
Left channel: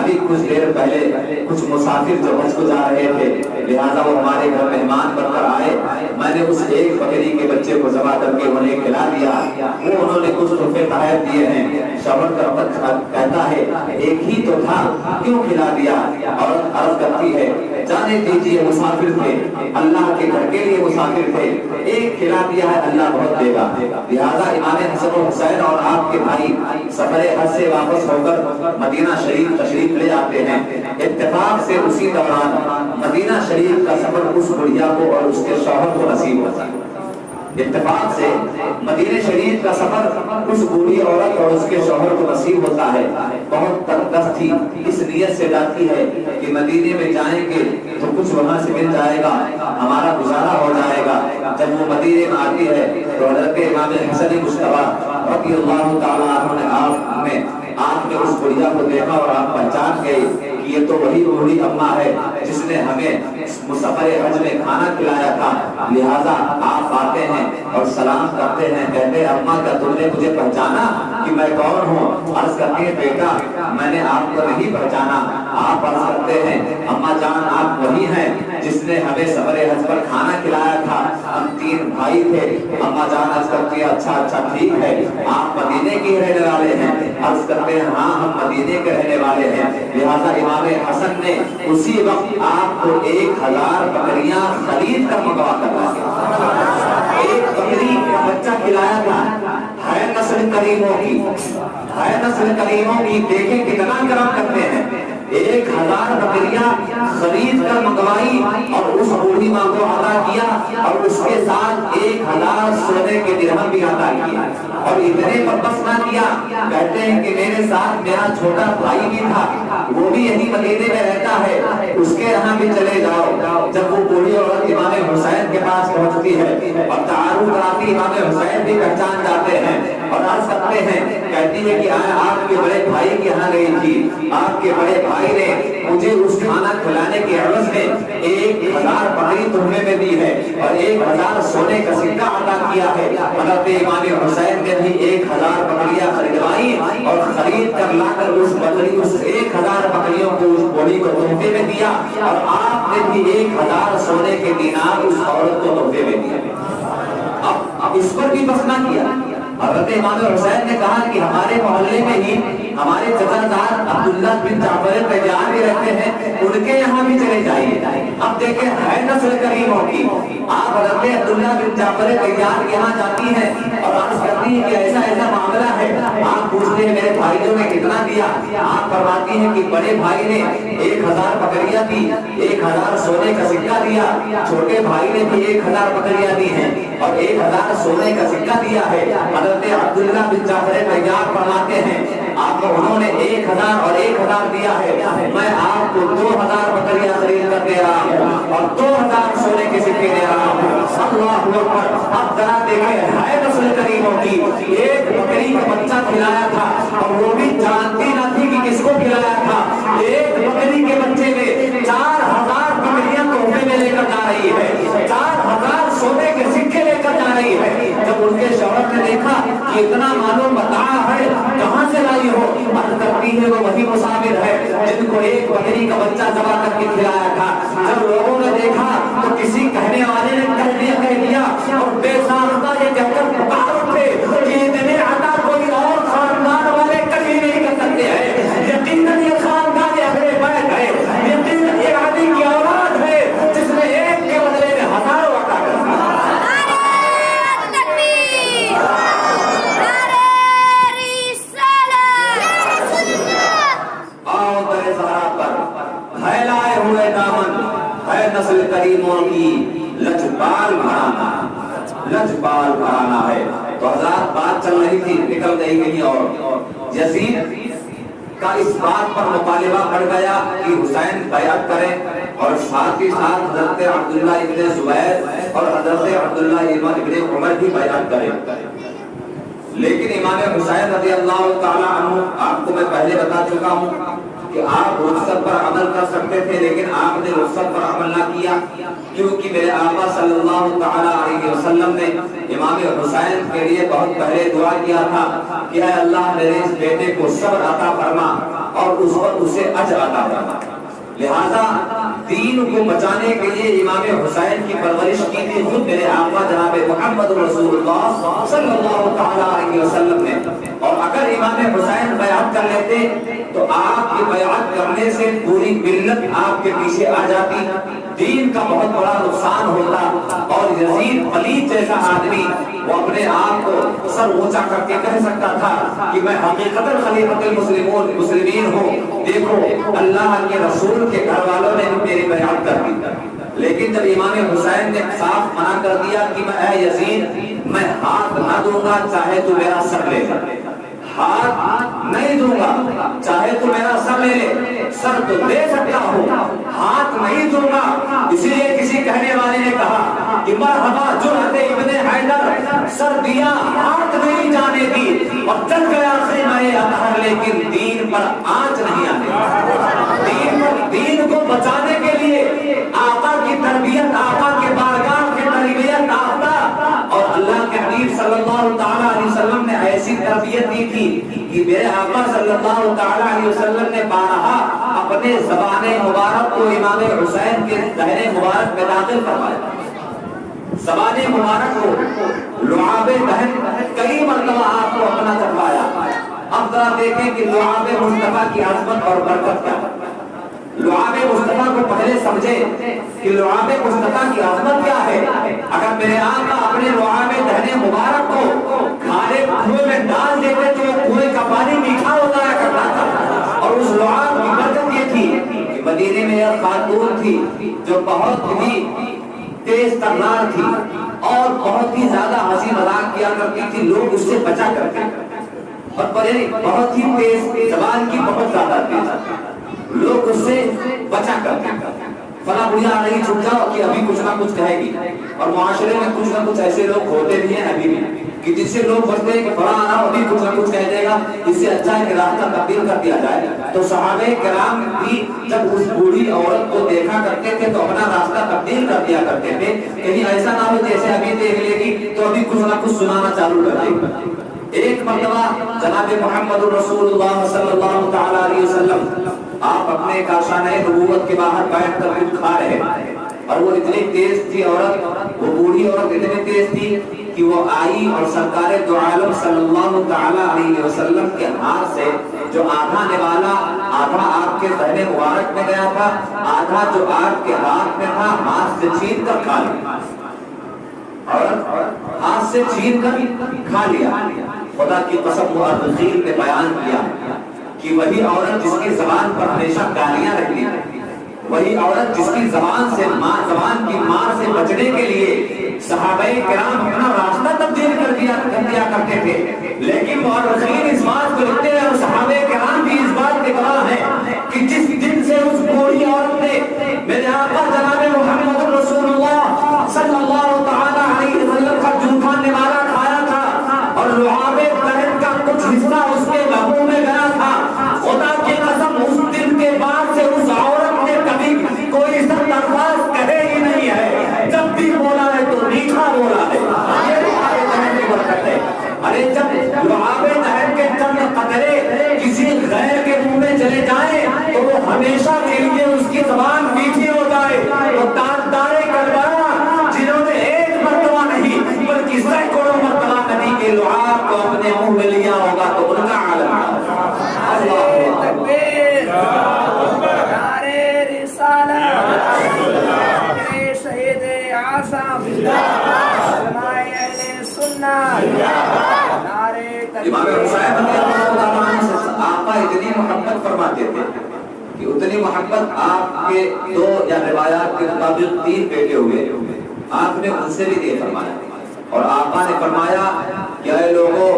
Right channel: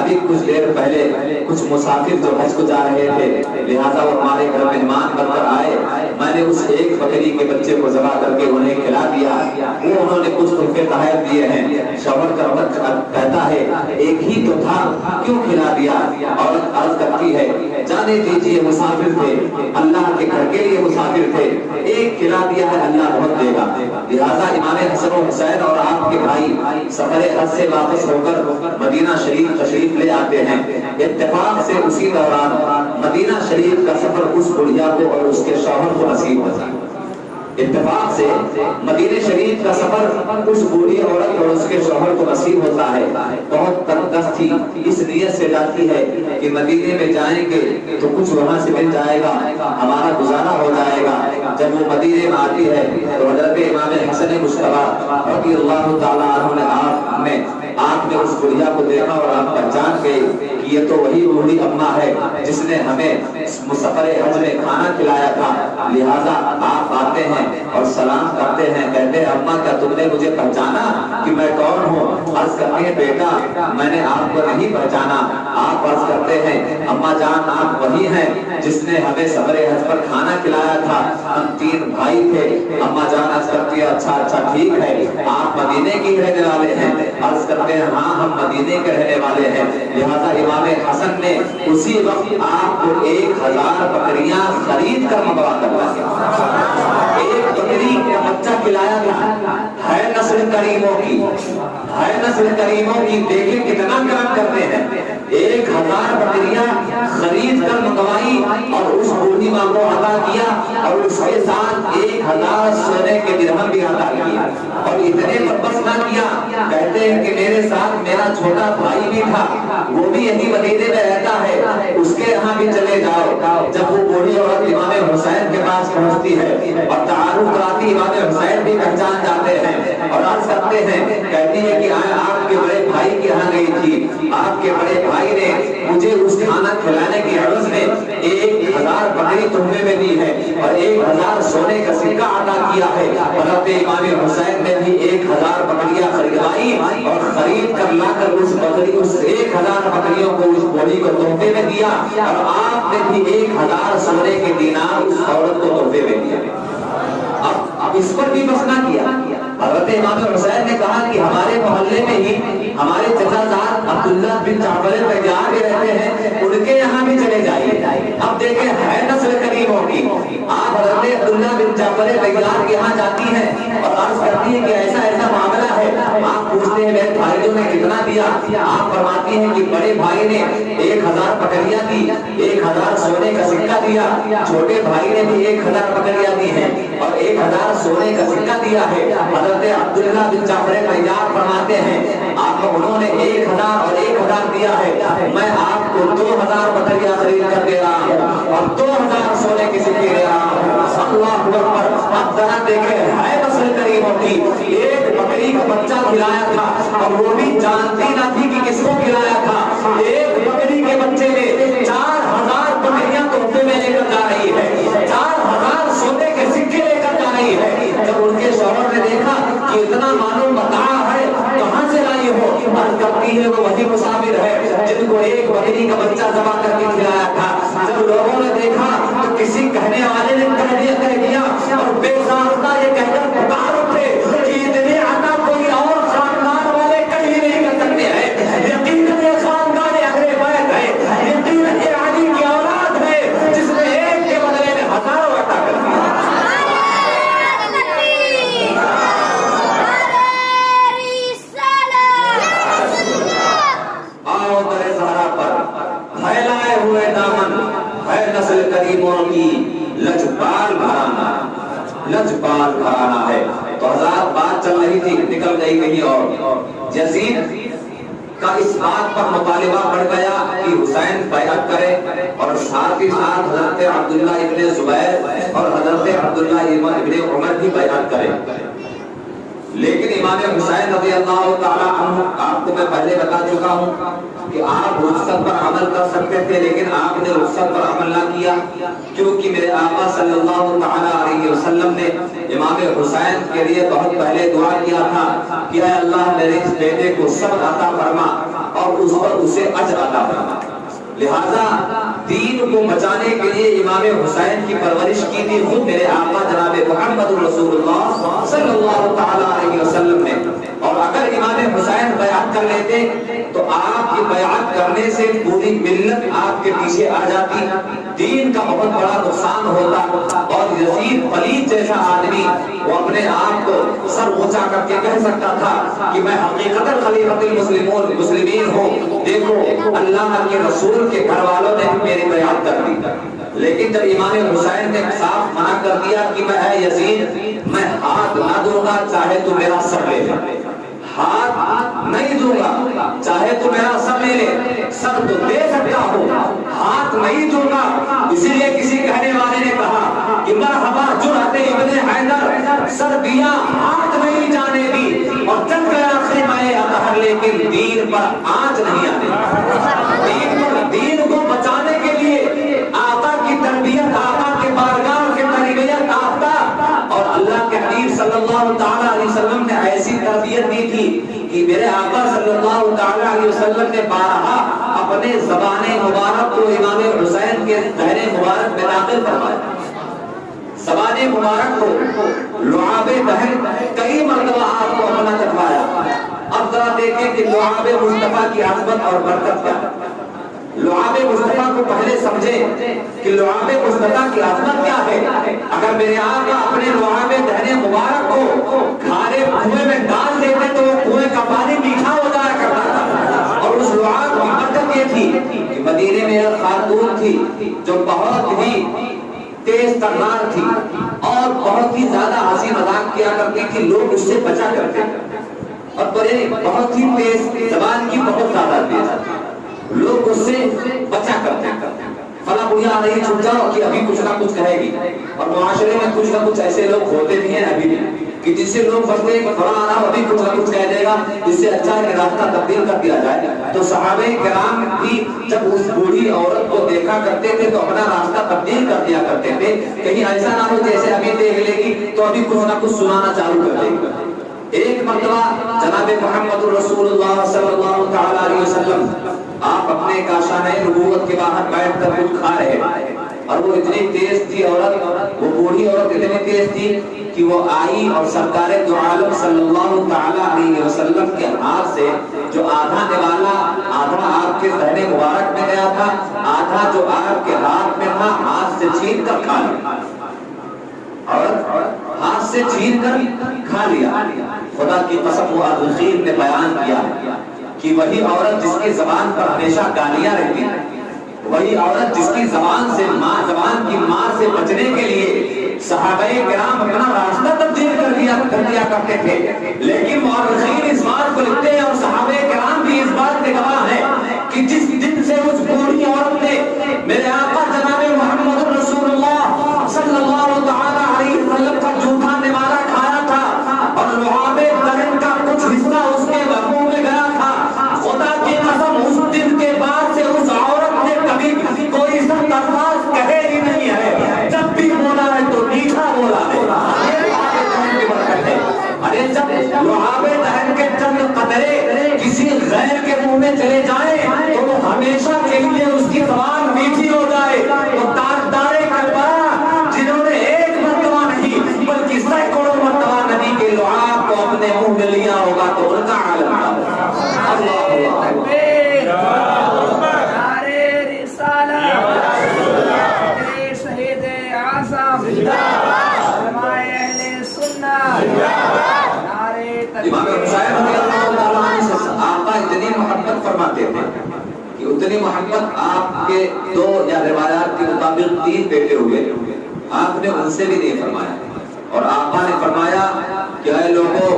ابھی کچھ دیر پہلے کچھ مسافر جو حج کو جا رہے تھے لہذا وہ ہمارے گھر مہمان بن کر آئے، میں نے اس ایک بکری کے بچے کو ذبح کر کے انہیں کھلا دیا، وہ انہوں نے کچھ تحفے تحائف دیے ہیں۔ شوہر کہتا ہے ایک ہی تو تھا کیوں کھلا دیا؟ اور عرض کرتی ہے جانے دیجیے، مسافر تھے، اللہ کے گھر کے لیے مسافر تھے، ایک کھلا دیا ہے، اللہ بہت دے گا۔ لہذا امام حسن و حسین اور آپ کے بھائی سفر حج سے واپس ہو کر مدینہ شریف تشریف لے آتے ہیں۔ اتفاق سے اسی دوران مدینہ شریف کا سفر اس بڑھیا کو اور اس کے شوہر کو نصیب ہوتا ہے۔ اتفاق سے مدینہ شریف کا سفر اس بوڑھی عورت اور اس کے شوہر کو نصیب ہوتا ہے۔ بہت تردست تھی، اس نیت سے جاتی ہے کہ مدینے میں جائیں گے تو کچھ وہاں سے مل جائے گا، ہمارا گزارا ہو جائے گا۔ جب وہ مدینے میں آتی ہے تو حضرت امام حسن مجتبی رضی اللہ تعالیٰ عنہ نے آپ نے اس بڑھیا کو دیکھا اور آپ پہچان گئے کہ یہ تو وہی بوڑھی اماں ہے جس نے ہمیں سفر حج میں کھانا کھلایا تھا۔ لہذا آپ آتے ہیں اور سلام کرتے ہیں، کہتے ہیں اماں کیا تم نے مجھے پہچانا کہ میں کون ہوں؟ عرض کرتی ہے بیٹا میں نے آپ کو نہیں پہچانا۔ آپ عرض کرتے ہیں اماں جان آپ وہی ہیں جس نے ہمیں سفر حج پر کھانا کھلایا تھا، ہم تین بھائی تھے۔ اماں جان عرض کرتی ہے اچھا ٹھیک ہے، آپ مدینے کی رہنے والے ہیں؟ عرض کرتے ہیں ہاں ہم مدینے کے رہنے والے ہیں۔ لہذا امام حسن نے اسی وقت آپ کو 1000 بکریاں خرید کر منگوا کر لایا۔ ایک بکری کا بچہ کھلایا گیا، ہے نسل کریموں کی، ہے نسل کریموں کی، دیکھیں کتنا کرم کرتے ہیں۔ 1000 بکریاں خرید کر منگوائی اور اس بوڑھی ماں کو عطا کیا اور اس کے ساتھ 1000 سونے کے درہم بھی عطا کیا۔ اور اتنے پر بس نہ کیا، کہتے ہیں کہ میرے ساتھ میرا چھوٹا بھائی بھی تھا، وہ بھی یہی مدینے میں رہتا ہے، اس کے یہاں بھی چلے جاؤ۔ جب وہ بوڑھی عورت امام حسین کے پاس پہنچتی ہے اور تعارف کراتی، امام حسین بھی پہچان جاتے ہیں اور عرض کرتے ہیں، کہتی ہے کہ آپ کے بڑے بھائی کے یہاں گئی تھی، آپ کے بڑے بھائی نے مجھے اس کھانا کھلانے کے عوض میں 1000 بکری تحفے میں دی ہے اور 1000 سونے کا سکہ عطا کیا ہے۔ حضرت امام حسین نے بھی 1000 بکریاں خریدوائی اور خرید کر لا کر اس 1000 بکریوں کو اس بوڑھی کو تحفے میں دیا اور آپ نے بھی 1000 سونے کے دینار اس عورت کو تحفے میں دیا۔ اب اس پر بھی بس نہ کیا، حضرت امام حسین نے کہا کہ ہمارے محلے میں ہی ہمارے چچا زاد عبداللہ بن جعفر طیار بھی رہتے ہیں، ان کے یہاں بھی چلے جائیے۔ اب دیکھیں ہے نسل کریموں کی، آپ حضرت عبداللہ بن جعفر طیار کے یہاں جاتی ہیں اور عرض کرتی ہیں کہ ایسا معاملہ ہے، آپ پوچھتے ہیں میرے بھائیوں نے کتنا دیا؟ آپ فرماتی ہیں کہ بڑے بھائی نے 1000 بکریاں دی، 1000 سونے کا سکہ دیا، چھوٹے بھائی نے بھی 1000 بکریاں دی ہیں اور 1000 سونے کا سکہ دیا ہے۔ حضرت عبداللہ بن جعفر طیار فرماتے ہیں آپ انہوں نے 1000 اور 1000 دیا ہے، میں آپ کو 2000 بکریاں خرید کر دے رہا ہوں اور 2000 سونے کے سکے دے رہا ہوں۔ اللہ اکبر۔ اب ذرا دیکھیں ہے نسل کریموں کی، ایک بکری کا بچہ کھلایا تھا اور وہ بھی جانتی نہ تھی کہ کس کو کھلایا تھا۔ ایک بکری کے بچے میں 4000 بکریاں تحفے میں لے کر جا رہی ہے، 4000 سونے کے سکے لے کر جا رہی ہے۔ جب ان کے شوہر نے دیکھا کہ اتنا مانو متاع ہے کہاں سے لائی ہو، عرض کرتی ہے وہ وہی مسافر ہے جن کو ایک بکری کا بچہ ذبح کر کے کھلایا تھا۔ جب لوگوں نے دیکھا تو کسی کہنے والے نے کہہ دیا اور بے ساختہ یہ کہہ کر پکار اٹھے کہ اتنی عطا کوئی اور خاندان والے کبھی نہیں کر سکتے ہیں۔ یقیناً یہ خاندان اہل بیت ہے، یقیناً یہ علی کی اولاد ہے جس نے ایک کے بدلے میں ہزاروں عطا کر دیا۔ آؤ در زہرا پر پھیلائے ہوئے دامن ہے نسل کریموں کی لجپال گھرانہ، لجپال گھرانہ ہے۔ تو حضرات بات چل رہی تھی، نکل گئی کہیں اور۔ یزید کا اس بات پر مطالبہ بڑھ گیا کہ حسین بیعت کرے اور ساتھ ہی ساتھ حضرت عبداللہ ابن زبیر اور حضرت عبداللہ ابن عمر بھی بیعت کرے۔ لیکن امام حسین رضی اللہ تعالیٰ عنہ، آپ کو میں پہلے بتا چکا ہوں کہ آپ رخصت پر عمل کر سکتے تھے لیکن آپ نے رخصت پر عمل نہ کیا، کیونکہ میرے آقا صلی اللہ تعالیٰ علیہ وسلم نے امام حسین کے لیے بہت پہلے دعا کیا تھا کہ اے اللہ میرے اس بیٹے کو صبر عطا فرما اور اس پر اسے اجر عطا فرما۔ لہذا دین کو بچانے کے لیے امام حسین کی پرورش کی تھی خود میرے آقا جناب محمد رسول اللہ صلی اللہ تعالیٰ علیہ وسلم نے۔ اور اگر امام حسین بیعت کر لیتے تو آپ کی بیعت کرنے سے پوری ملت آپ کے پیچھے آ جاتی، دین کا بہت بڑا نقصان ہوتا اور یزید پلید جیسا آدمی وہ اپنے آپ کو سر اونچا کر کے کہہ سکتا تھا کہ میں حقیقتاً خلیفۃ المسلمین ہوں، دیکھو اللہ کے رسول کے گھر والوں نے میری بیعت کر دی۔ لیکن جب امام حسین نے صاف منع کر دیا کہ میں اے یزید میں ہاتھ نہ دوں گا چاہے تو میرا سر لے لے، ہاتھ نہیں دوں گا چاہے تو میرا سر لے لے، سر تو دے سکتا ہوں ہاتھ نہیں دوں گا۔ اسی لیے کسی کہنے والے نے کہا کہ مرحبا جرأت ابن حیدر، سر دیا ہاتھ نہیں جانے دی اور چل گیا خیمہ اطہر، لیکن دین پر آنچ نہیں آنے۔ دین کو بچانے کے لیے آقا کی تربیت، آقا کے بارگاہ کی تربیت آقا اور اللہ کے حبیب صلی اللہ تعالیٰ علیہ وسلم نے ایسی تربیت دی تھی کہ میرے آقا صلی اللہ تعالیٰ علیہ وسلم نے بارہا اپنے زبان مبارک کو امام حسین کے ذہن مبارک میں داخل کروایا۔ زبان مبارک کو لعاب دہن کئی مرتبہ آپ کو اپنا چکھوایا۔ اب ذرا دیکھیں کہ لعاب مصطفیٰ کی عظمت اور برکت کیا ہے۔ لعاب مصطفیٰ کو پہلے سمجھے کہ لعاب مصطفیٰ کی عظمت کیا ہے۔ اگر میرے آقا اپنے لعاب دہن مبارک کو کھارے کنویں میں ڈال دیتے تو وہ کنویں کا پانی میٹھا ہو جایا کرتا تھا۔ اور اس لعاب کی برکت یہ تھی کہ مدینے میں ایک خاتون تھی جو بہت ہی تیز ترنار تھی اور بہت ہی زیادہ ہنسی مذاق کیا کرتی تھی، لوگ اس سے بچا کرتے اور بہت ہی تیز زبان کی، بہت زیادہ تیز، لوگ اس سے بچا کرتے ہیں۔ فلاں بڑھیا نہیں چھوٹ جاؤ کہ ابھی کچھ نہ کچھ کہے گی، اور معاشرے میں کچھ نہ کچھ ایسے لوگ ہوتے بھی ہیں ابھی بھی کہ جس سے لوگ بچتے ہیں کہ فلاں آنا ابھی کچھ نہ کچھ کہہ دے گا، اس سے اچھا ہے کہ راستہ تبدیل کر دیا جائے۔ تو صحابہ کرام بھی جب اس بوڑھی عورت کو دیکھا کرتے تھے تو اپنا راستہ تبدیل کر دیا کرتے تھے، کہیں ایسا نہ ہو جیسے ابھی دیکھ لے گی تو ابھی کچھ نہ کچھ سنانا چالو کر دے گی۔ ایک مرتبہ جناب محمد رسول اللہ صلی اللہ تعالیٰ علیہ وسلم آپ اپنے کاشانہ نبوت کے باہر بیٹھ کر کچھ کھا رہے اور وہ اتنی تیز تھی عورت، وہ بوڑھی عورت اتنی تیز تھی کہ وہ آئی اور سرکار دو عالم صلی اللہ تعالیٰ علیہ وسلم کے ہاتھ سے جو آدھا نوالا، آدھا آپ کے ذہن مبارک میں گیا تھا، آدھا جو آپ کے ہاتھ میں تھا، ہاتھ سے چھین کر کھا لیا اور ہاتھ سے چھین کر کھا لیا۔ خدا کی قسم مؤرخین نے بیان کیا کہ وہی عورت جس کی زبان پر ہمیشہ گالیاں رہتی ہیں، وہی عورت جس کی زبان کی مار سے بچنے کے لیے صحابہ کرام اپنا راستہ تبدیل کر دیا کرتے تھے، لیکن مؤرخین اس بات کو لکھتے ہیں اور صحابہ کرام بھی اس بات کے گواہ ہیں کہ جس دن سے اس بوڑھی عورت نے میرے آقا جناب محمد رسول اللہ صلی اللہ تعالی علیہ وسلم کا جھوٹا نوالہ کھایا تھا اور لعاب دہن کا کچھ حصہ اس کے لبوں میں گیا تھا، خدا کی قسم اس دن کے بعد سے اس عورت نے کبھی کوئی سخت الفاظ کہے ہی نہیں ہے، جب بھی بولا ہے تو میٹھا بولا ہے۔ یہ لعاب دہن کی برکت ہے۔ ارے جب لعاب دہن کے چند قطرے کسی غیر کے منہ میں چلے جائیں تو وہ ہمیشہ کے لیے اس کی زبان میٹھی ہو جائے، تو تاجدار کربلا جنہوں نے ایک مرتبہ نہیں بلکہ سینکڑوں مرتبہ نبی کے لعاب کو اپنے منہ میں لیا ہوگا تو ان کا عالم تھا۔ اللہ اکبر، نعرہ رسالت، شہید اعظم، علماء اہل سنت، امام حسین رضی اللہ تعالیٰ عنہ سے آقا اتنی محبت فرماتے تھے کہ اتنی محبت آپ کے دو یا روایات کے مطابق 3 بیٹے ہوئے، آپ نے ان سے بھی نہیں فرمایا، اور آقا نے فرمایا کہ اے لوگوں،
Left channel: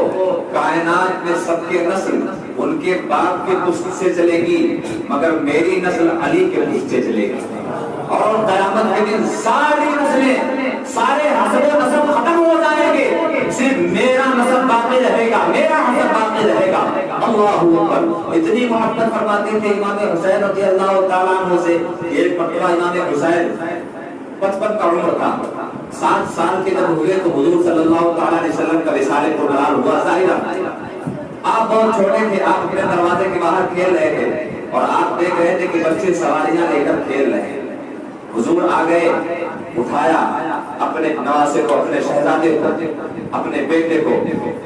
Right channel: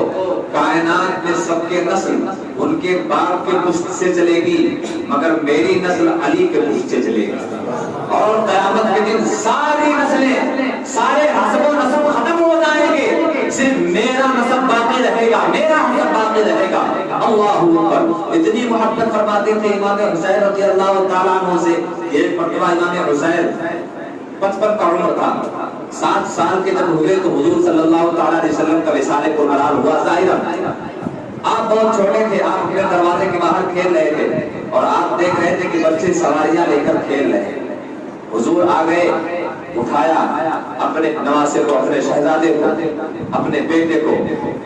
کائنات میں سب کے نسل ان کے باپ کے پشت سے چلے گی مگر میری نسل علی کے پشت سے چلے گی، اور قیامت کے دن ساری نسلیں، سارے حسب و نسب ختم ہو جائیں گے، صرف میرا نسب باقی رہے گا، میرا حسب باقی رہے گا۔ اللہ اکبر، اتنی محبت فرماتے تھے امام حسین رضی اللہ تعالیٰ عنہ سے۔ ایک مرتبہ امام حسین 55 کا عمر تھا، 7 سال کے جب ہوئے تو حضور صلی اللہ تعالیٰ علیہ وسلم کا وصال پرمنال ہوا۔ ظاہرہ آپ بہت چھوٹے تھے، آپ اپنے دروازے کے باہر کھیل رہے تھے اور آپ دیکھ رہے تھے کہ بچے سواریاں لے کر کھیل رہے ہیں۔ حضور آ گئے، اٹھایا اپنے نواسے کو، اپنے شہزادے کو، اپنے بیٹے کو،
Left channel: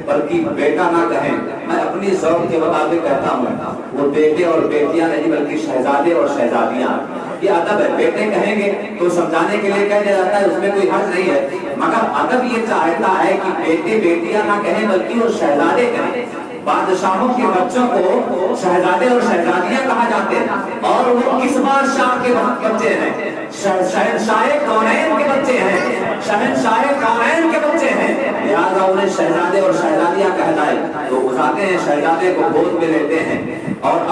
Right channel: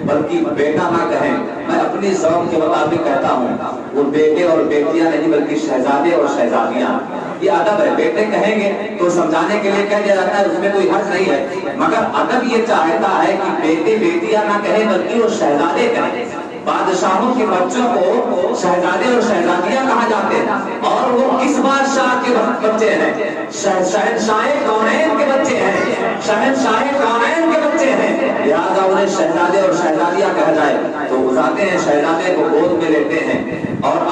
بلکہ بیٹا نہ کہیں، میں اپنی ذوق کے مطابق کہتا ہوں، وہ بیٹے اور بیٹیاں نہیں بلکہ شہزادے اور شہزادیاں، یہ ادب ہے۔ بیٹے کہیں گے تو سمجھانے کے لیے کہہ دیا جاتا ہے، اس میں کوئی حرج نہیں ہے، مگر ادب یہ چاہتا ہے کہ بیٹے بیٹیاں نہ کہیں بلکہ وہ شہزادے کہیں۔ بادشاہوں کے بچوں کو شہزادے اور شہزادیاں کہا جاتے ہیں، اور وہ کس بادشاہ کے بچے ہیں؟ شہنشاہ کونین کے بچے ہیں، شہنشاہ کونین کے بچے ہیں، لہذا انہیں شہزادے اور شہزادیاں کہا جائے تو اٹھاتے ہیں، شہزادے کو گود میں لیتے ہیں اور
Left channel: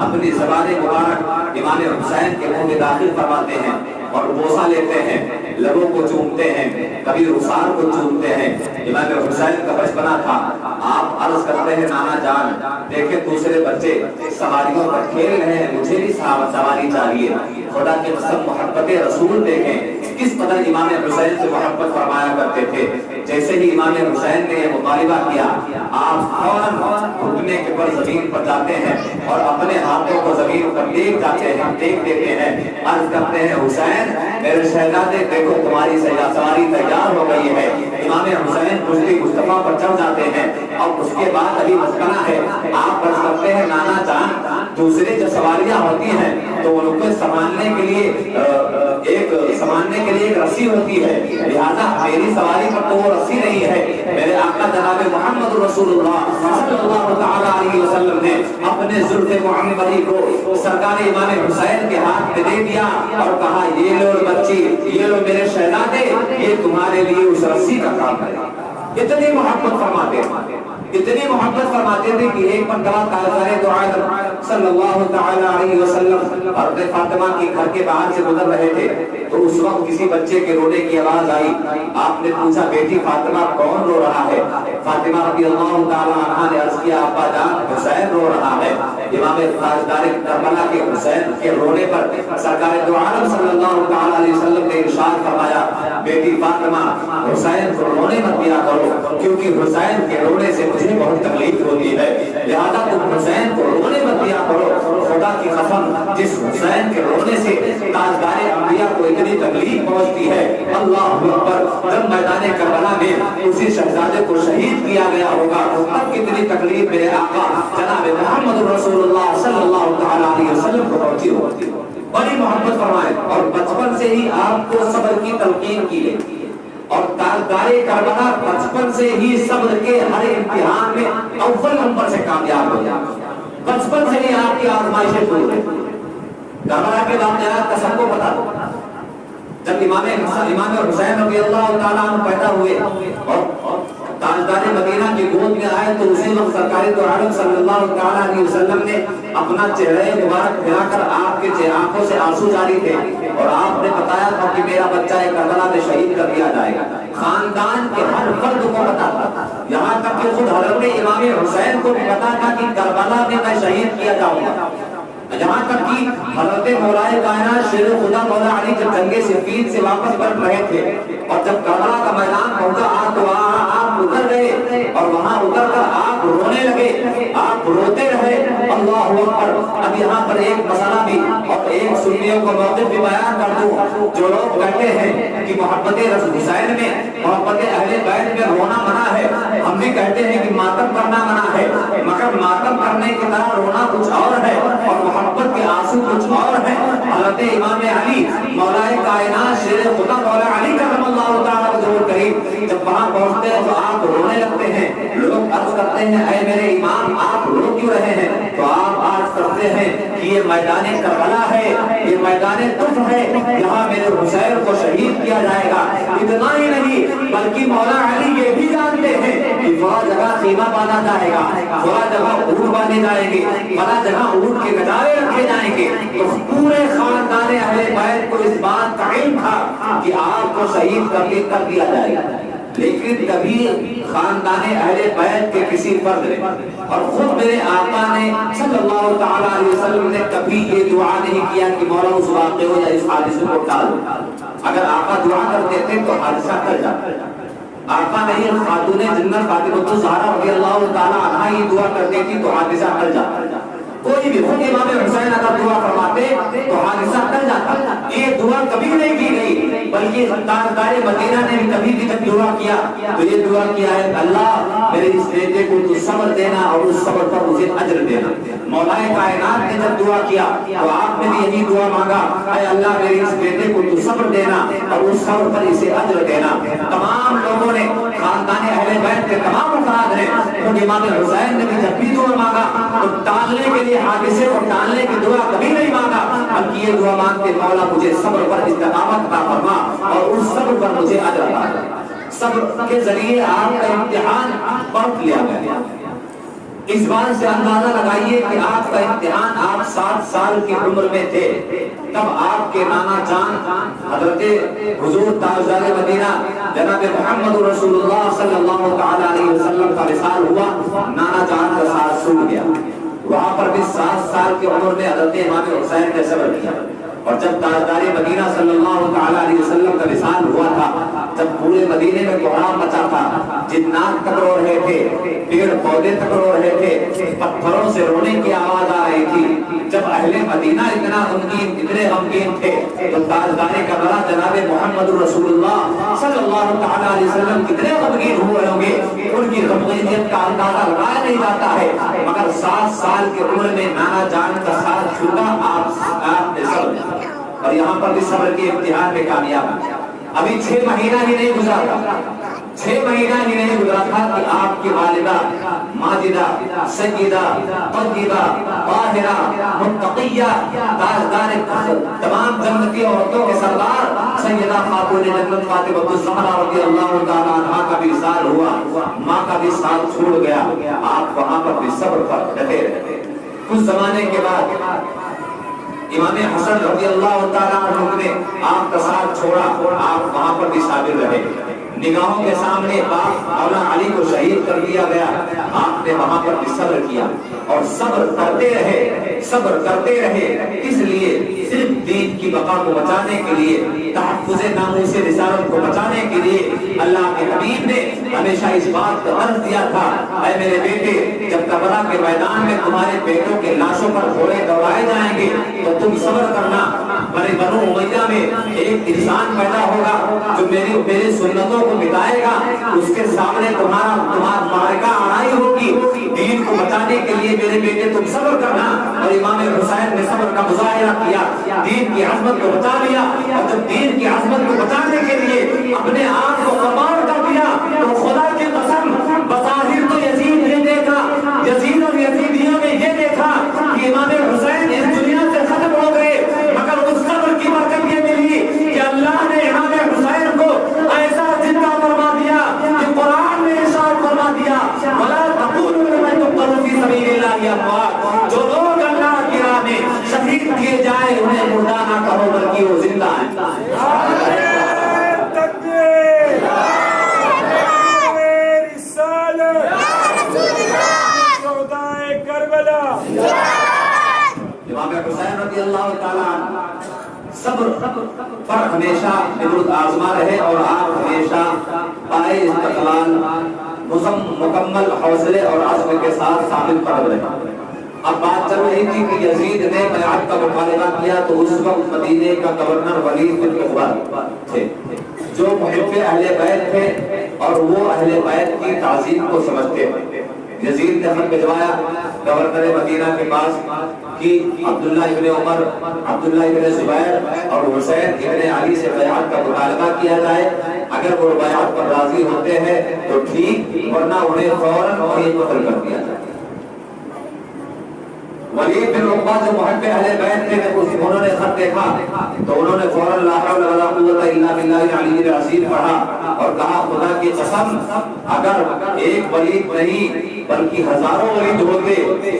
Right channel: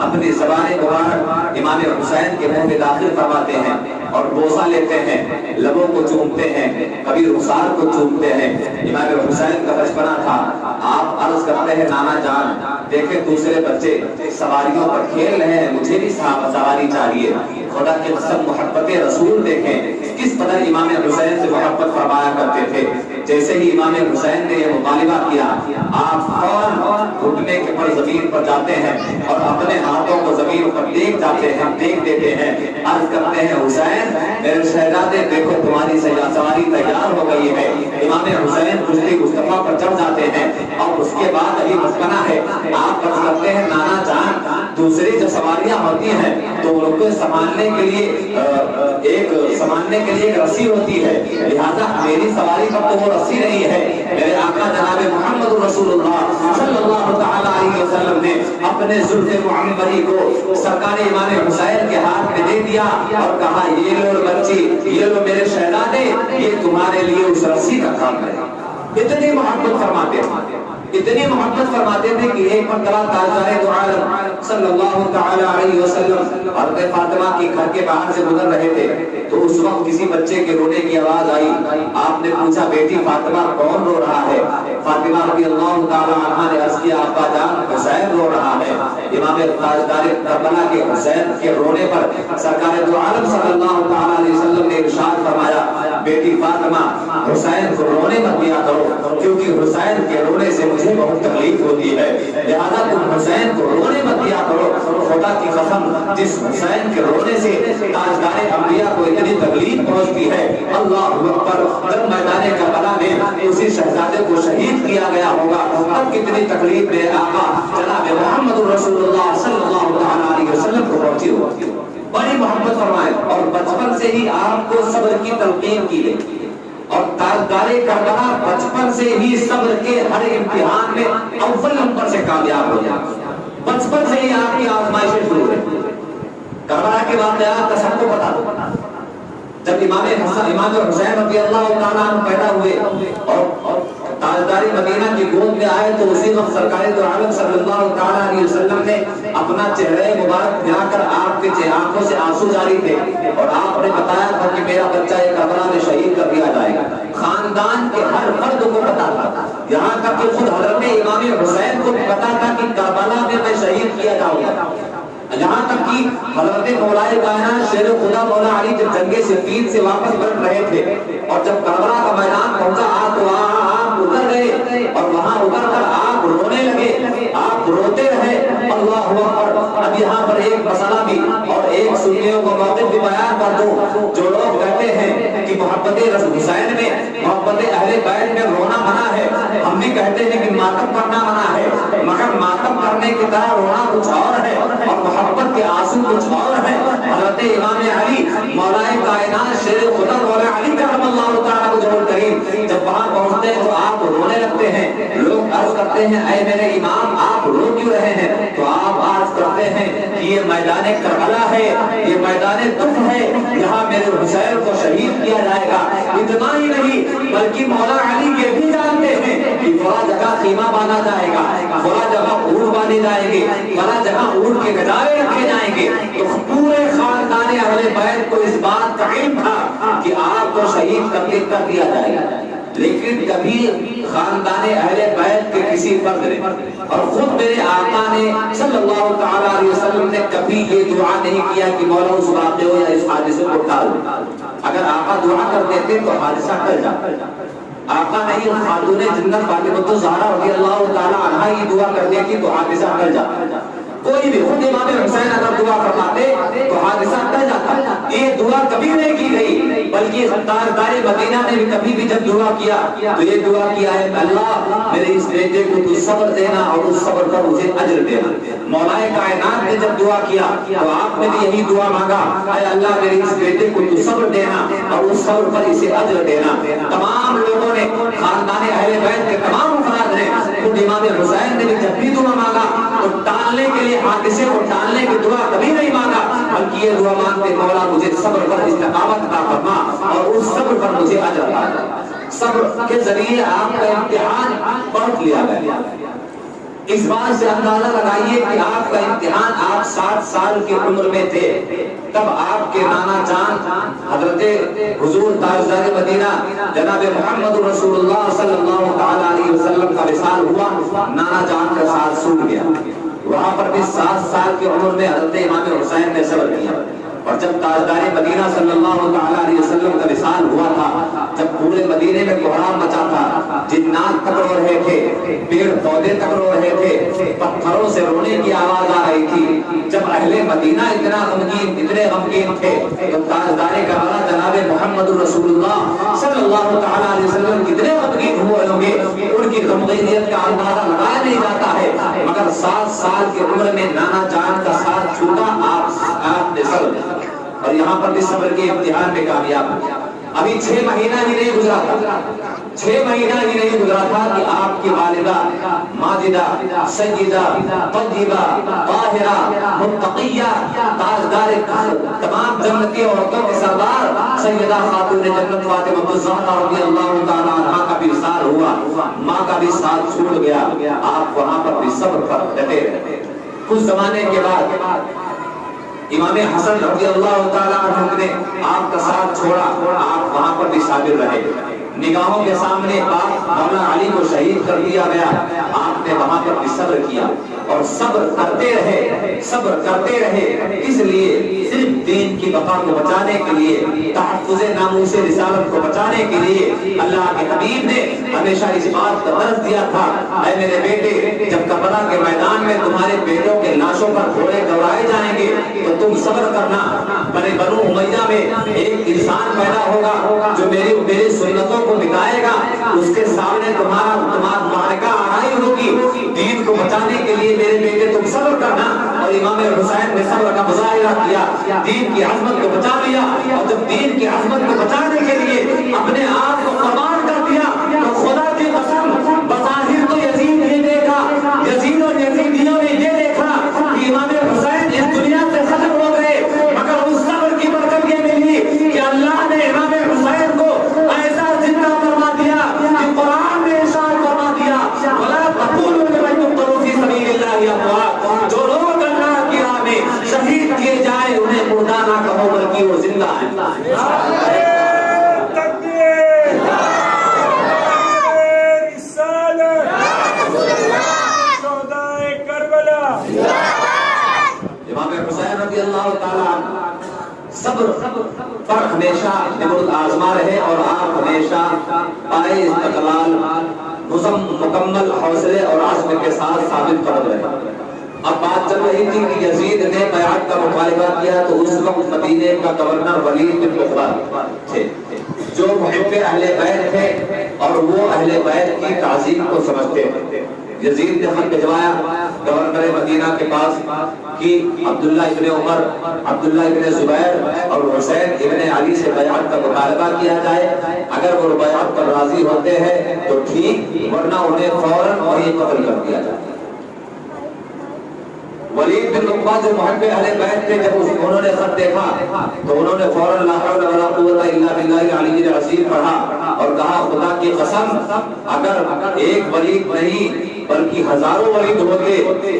اپنی زبان مبارک امام حسین کے منہ میں داخل فرماتے ہیں اور بوسہ لیتے ہیں، لبوں کو چومتے ہیں، کبھی رخسار کو چومتے ہیں۔ امام حسین کا بچپنا تھا، آپ عرض کرتے ہیں نانا جان دیکھیں دوسرے بچے سواریوں پر کھیل رہے ہیں، مجھے بھی سواری چاہیے۔ خدا کے قسم محبت رسول دیکھیں کس قدر امام حسین سے محبت فرمایا کرتے تھے۔ جیسے ہی امام حسین نے یہ مطالبہ کیا، آپ فوراً گھٹنے کے پر زمین پر جاتے ہیں اور اپنے ہاتھوں کو زمین پر ٹیک جاتے ہیں، ٹیک دیتے ہیں، عرض کرتے ہیں حسین میرے شہزادے دیکھو تمہاری سواری تیار ہو گئی ہے۔ امام حسین کشتی مصطفیٰ پر چڑھ جاتے ہیں اور اس کے بعد ابھی بچپنا ہے، آپ عرض کرتے ہیں نانا جان دوسری جب سواریاں ہوتی ہیں تو ان کو سنبھالنے کے لیے ایک رسی ہوتی ہے، لہذا میری سواری پر تو وہ رسی نہیں ہے۔ میرے آقا جناب محمد رسول اللہ صلی اللہ تعالی علیہ وسلم نے اپنے زلف معمری کو سرکار امام حسین کے ہاتھ میں دے دیا اور کہا یہ لو بچی، یہ لو میرے شہزادے، یہ تمہارے لیے اس رسی کا کام ہے۔ اتنی محبت فرماتے تھے، اتنی محبت فرماتے تھے کہ ایک مرتبہ تاجدار دو عالم صلی اللہ تعالی علیہ وسلم حضرت فاطمہ کے گھر کے باہر سے گزر رہے تھے تو اس وقت کسی بچے کے رونے کی آواز آئی۔ آپ نے پوچھا بیٹی فاطمہ کون رو رہا ہے؟ فاطمہ رضی اللہ تعالی عنہا نے عرض کیا ابا جان حسین رو رہا ہے۔ امام تاجدار کربلا کے حسین کے رونے پر سرکار دو عالم صلی اللہ تعالی علیہ وسلم نے ارشاد فرمایا بیٹی فاطمہ حسین کو رونے مت دیا کرو کیونکہ حسین کے رونے سے مجھے بہت تکلیف ہوتی ہے، لہذا تم حسین کو رونے مت دیا کرو۔ خدا کی قسم جس حسین کے رونے سے تاجدار انبیاء کو اتنی تکلیف پہنچتی ہے، اللہ اکبر جب میدان کربلا میں اسی شہزادے کو شہید کیا گیا ہوگا تب کتنی تکلیف میرے آقا جناب محمد رسول اللہ صلی اللہ تعالی علیہ وسلم کو پہنچی ہوتی۔ بڑی محبت فرمائے اور بچپن سے ہی آپ کو صبر کی تلقین کی گئی اور تاجدار کربلا بچپن سے ہی صبر کے ہر امتحان میں اول نمبر سے کامیاب ہو جائے. بچپن سے ہی آپ کی آزمائشیں شروع ہے. کربلا کے واقعات کا سب کو پتا ہو. جب امام حسین رضی اللہ تعالیٰ عنہ پیدا ہوئے اور تاجدار مدینہ کی گود میں آئے تو اسی وقت سرکار دو عالم صلی اللہ تعالیٰ علیہ وسلم نے اپنا چہرہ مبارک ملا کر آپ کے آنکھوں سے آنسو جاری تھے اور آپ نے بتایا تھا کہ میرا بچہ کربلا میں شہید کر دیا جائے گا. خاندان کے ہر فرد کو پتا تھا, یہاں تک کہ خود حضرت امام حسین کو بھی پتا تھا کہ کربلا میں میں شہید کیا جاؤں گا. یہاں تک کہ حضرت مولا کائنات شیر خدا مولا علی جب جنگ صفین سے واپس لوٹ رہے تھے اور جب کربلا کا میدان پہنچا آپ تو آپ اتر گئے اور وہاں اتر کر آپ رونے لگے, آپ روتے رہے. اللہ اکبر. اب یہاں پر ایک مسئلہ بھی اور ایک سنیوں کا موقف بھی بیان کر دوں. جو لوگ کہتے ہیں کہ محبت رسول حسین میں, محبت اہل بیت میں رونا منع ہے, ہم بھی کہتے ہیں کہ ماتم کرنا منع ہے, مگر ماتم کرنے کی طرح رونا کچھ اور ہے اور محبت کے آنسو کچھ اور ہے. حضرت امام علی مولا کائنات شیر خدا مولا علی کرم اللہ تعالیٰ کو جوڑ کریم جب وہاں پہنچتے ہیں تو آپ رونے لگتے ہیں. لوگ عرض کرتے ہیں اے میرے امام آپ رو کیوں رہے ہیں؟ تو آپ عرض کرتے ہیں کہ یہ میدان کربلا ہے, یہ میدان طف ہے, یہاں میرے حسین کو شہید کیا جائے گا. اتنا ہی نہیں بلکہ مولا علی یہ بھی جانتے ہیں کہ فلاں جگہ خیمہ باندھا جائے گا, فلاں جگہ اونٹ باندھے جائیں گے, فلاں جگہ اونٹ کے گدارے رکھے جائیں گے. تو پورے خاندان اہل بیت کو اس بات کا علم تھا کہ آپ کو شہید کر دیا جائے گا. لیکن کبھی خاندان اہل بیت کے کسی فرد نے اور خود میرے آقا نے صلی اللہ تعالیٰ علیہ وسلم نے کبھی یہ دعا نہیں کیا کہ مولا اس واقعے ہو یا اس حادثے کو ٹال. اگر آقا دعا کر دیتے تو حادثہ ٹل جاتا. آقا نہیں, خاتون جنت فاطمہ الزہرا رضی اللہ تعالیٰ عنہا یہ دعا کر دیتی تو حادثہ ٹل جاتا. کوئی بھی خود امام حسین اگر دعا فرماتے تو حادثہ ٹل جاتا. یہ دعا کبھی نہیں کی گئی بلکہ تاجدار مدینہ نے بھی کبھی بھی جب دعا کیا تو یہ دعا کیا ہے اللہ میرے اس بیٹے کو تو صبر دینا اور اس صبر پر مجھے اجر دینا. مولا کائنات نے جب دعا کیا تو آپ نے بھی یہی دعا مانگا اے اللہ میرے اس بیٹے کو تو صبر دینا اور اس صبر پر اسے اجر دینا. تمام لوگوں نے, خاندان اہل بیت کے تمام افراد نے, خود امام حسین نے بھی جب بھی دعا مانگا تو ٹالنے کے لیے, حادثے کو ٹالنے کی دعا کبھی نہیں مانگا بلکہ یہ دعا مانگتے مولا مجھے صبر پر استقامت عطا فرما اور اس صبر پر مجھے اجر عطا فرما. صبر کے ذریعے آپ کا امتحان پرکھ لیا گیا. اس بات سے اندازہ لگائیے کہ آپ کا امتحان آپ 7 سال کی عمر میں تھے تب آپ کے نانا جان حضرت حضور تاجدار مدینہ جناب محمد رسول اللہ صلی اللہ تعالیٰ علیہ وسلم کا وصال ہوا. نانا جان کا ساتھ چھوٹ گیا. وہاں پر بھی 7 سال کی عمر میں حضرت امام حسین نے صبر کیا. اور جب تاجدار مدینہ صلی اللہ تعالیٰ علیہ وسلم کا وصال ہوا تھا جب پورے مدینے میں کوہرام مچا تھا, جنات تک رو رہے تھے, پیڑ پودے تک رو رہے تھے, پتھروں سے رونے کی آواز آ رہی تھی. جب اہل مدینہ اتنے غمگین تھے تو تاجدار کربلا جناب محمد رسول اللہ صلی اللہ تعالیٰ علیہ وسلم کتنے غمگین ہوئے ہوں گے. ان کی غمگینیت کا اندازہ لگایا نہیں جاتا ہے. مگر 7 سال کی عمر میں نانا جان کا ساتھ چھوٹا آپ نے صبر اور یہاں پر بھی صبر کے امتحان میں کامیاب. ابھی 6 مہینہ ہی نہیں گزرا تھا, 6 مہینہ ہی نہیں گزرا تھا کہ آپ کی والدہ ماجدہ سیدہ طیبہ طاہرہ متقیہ تاجدار تمام جنتی عورتوں کے سردار سیدہ خاتون جنت فاطمہ الزہرا رضی اللہ تعالیٰ عنہا کا بھی وصال ہوا. ماں کا بھی ساتھ چھوڑ گیا. آپ وہاں پر بھی صبر پر ڈٹے رہے. کچھ زمانے کے بعد امام حسن رضی اللہ تعالیٰ عنہ نے آپ کا ساتھ چھوڑا. آپ وہاں پر بھی صابر رہے. نگاہوں کے سامنے باپ مولا علی کو شہید کر دیا گیا. آپ نے وہاں پر بھی صبر کیا اور صبر کرتے رہے, صبر کرتے رہے. کس لیے؟ صرف دین کی بقا کو بچانے کے لیے, تحفظ ناموس رسالت کو بچانے کے لیے. اللہ کے حبیب نے ہمیشہ اس بات کا درس دیا تھا اے میرے بیٹے جب کربلا کے میدان میں تمہارے بیٹوں کے لاشوں پر گھوڑے دوڑائے جائیں گے تو تم صبر کرنا. بنو امیہ میں ایک انسان پیدا ہوگا جو میری سنتوں کو بتائے گا. اس کے سامنے تمہارا معرکہ آرائی ہوگی. دین کو بچانے کے لیے میرے بیٹے تم صبر کرنا. اور امام حسین نے صبر کا مظاہرہ کیا, دین کی عظمت کو بچا لیا. اور جب دین کی عظمت کو بچانے کے لیے اپنے آپ کو قربان کر دیا تو خدا کی قسم صبر پر ہمیشہ نمرود آزما رہے اور آپ ہمیشہ پائے استقلال مکمل حوصلے اور عزم کے ساتھ ثابت قدم رہے۔ اب بات چل رہی تھی کہ یزید نے بیعت کا مطالبہ کیا تو اس وقت مدینے کا گورنر ولید بن عقبہ تھے جو محب اہل بیت تھے اور وہ اہل بیت کی تعظیم کو سمجھتے ہیں۔ یزید نے خط بھجوایا گورنر مدینہ کے پاس کہ عبداللہ ابن عمر، عبداللہ ابن زبیر اور حسین ابن علی سے بیعت کا مطالبہ کیا جائے، اگر وہ بیعت پر راضی ہوتے ہیں تو ٹھیک، ورنہ انہیں فوراً وہیں قتل کر دیا جائے۔ ولید بن عقبہ جو محب اہل بیت تھے، جب انہوں نے خط دیکھا تو انہوں نے فوراً لا حول ولا قوت الا باللہ العلی العظیم پڑھا اور کہا خدا کی قسم اگر ایک ولید نہیں بلکہ ہزاروں ولید ہوتے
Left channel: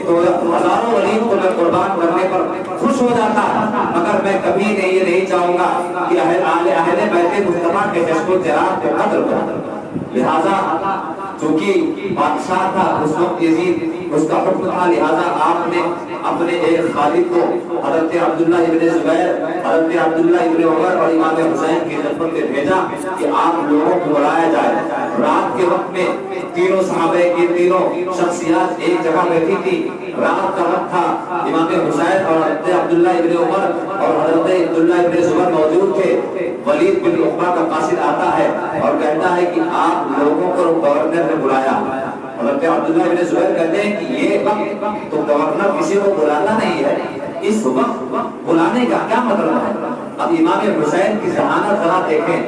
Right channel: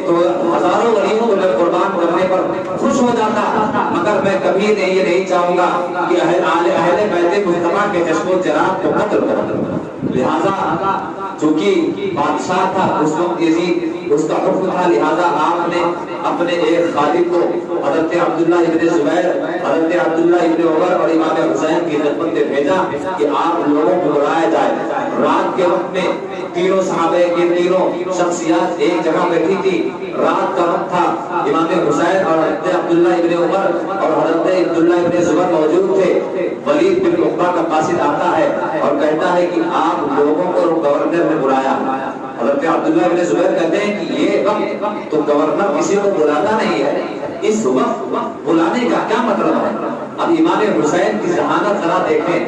تو ہزاروں ولید کو میں قربان کرنے پر خوش ہو جاتا، مگر میں کبھی یہ نہیں چاہوں گا کہ اہل بیت مصطفیٰ کے جشن و جرات کو قتل کروں۔ لہذا چونکہ بادشاہ تھا اس وقت یزید، اس کا حکم تھا، لہذا آپ نے اپنے ایک خادم کو حضرت عبداللہ ابن زبیر، حضرت عبداللہ ابن عمر اور امام حسین کی خدمت میں بھیجا کہ آپ لوگوں کو بلایا جائے۔ رات کے وقت میں تینوں صحابہ کی تینوں شخصیات ایک جگہ بیٹھی تھی، رات کا وقت تھا، امام حسین اور حضرت عبداللہ ابن عمر اور حضرت عبداللہ ابن زبیر موجود تھے۔ ولید بن عقبہ کا قاصد آتا ہے اور کہتا ہے کہ آپ لوگوں کو گورنر نے بلایا۔ حضرت عبداللہ ابن زبیر کہتے ہیں کہ یہ وقت تو گورنر کسی کو بلانا نہیں ہے، اس وقت بلانے کا کیا مطلب ہے؟ اب امام حسین کی ذہانت ذرا دیکھیں،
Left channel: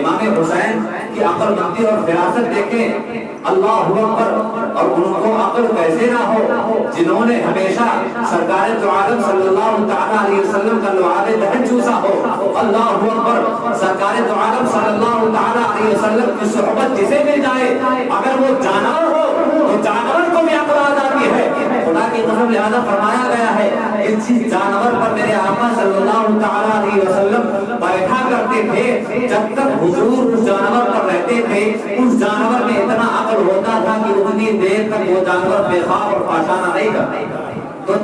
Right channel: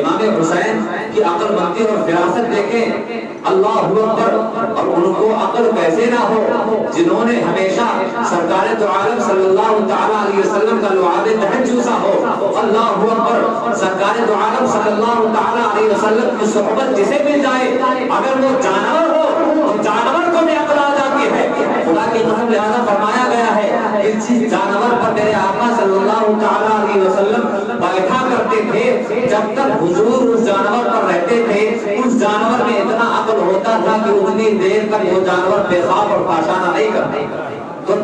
امام حسین کی عقل مندی اور فراست دیکھیں، اللہ اکبر، اور ان کو عقل کیسے نہ ہو جنہوں نے ہمیشہ سرکار دو عالم صلی اللہ تعالی علیہ وسلم کا لعاب دہن چوسا ہو۔ اللہ اکبر، سرکار دو عالم صلی اللہ تعالی علیہ وسلم کی صحبت جسے مل جائے اگر وہ جانور ہو تو جانور کو بھی عقل آ جاتی ہے۔ خدا کی قسم، لہذا فرمایا گیا ہے اس جانور پر میرے آقا صلی اللہ تعالی علیہ وسلم بیٹھا کرتے تھے، جب تک حضور اس جانور پر رہتے تھے اس جانور میں اتنا عقل ہوتا تھا کہ اتنی دیر تک وہ جانور بے خواب اور پاشانہ نہیں کرتا۔ تو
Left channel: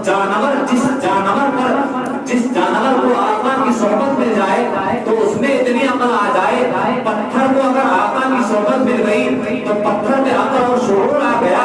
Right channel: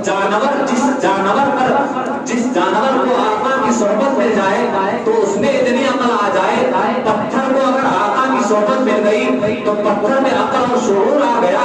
جس جانور کو آقا کی صحبت مل جائے تو اس میں اتنی عقل آ جائے، پتھر کو اگر آقا کی صحبت مل گئی تو پتھر میں عقل اور شعور آ گیا،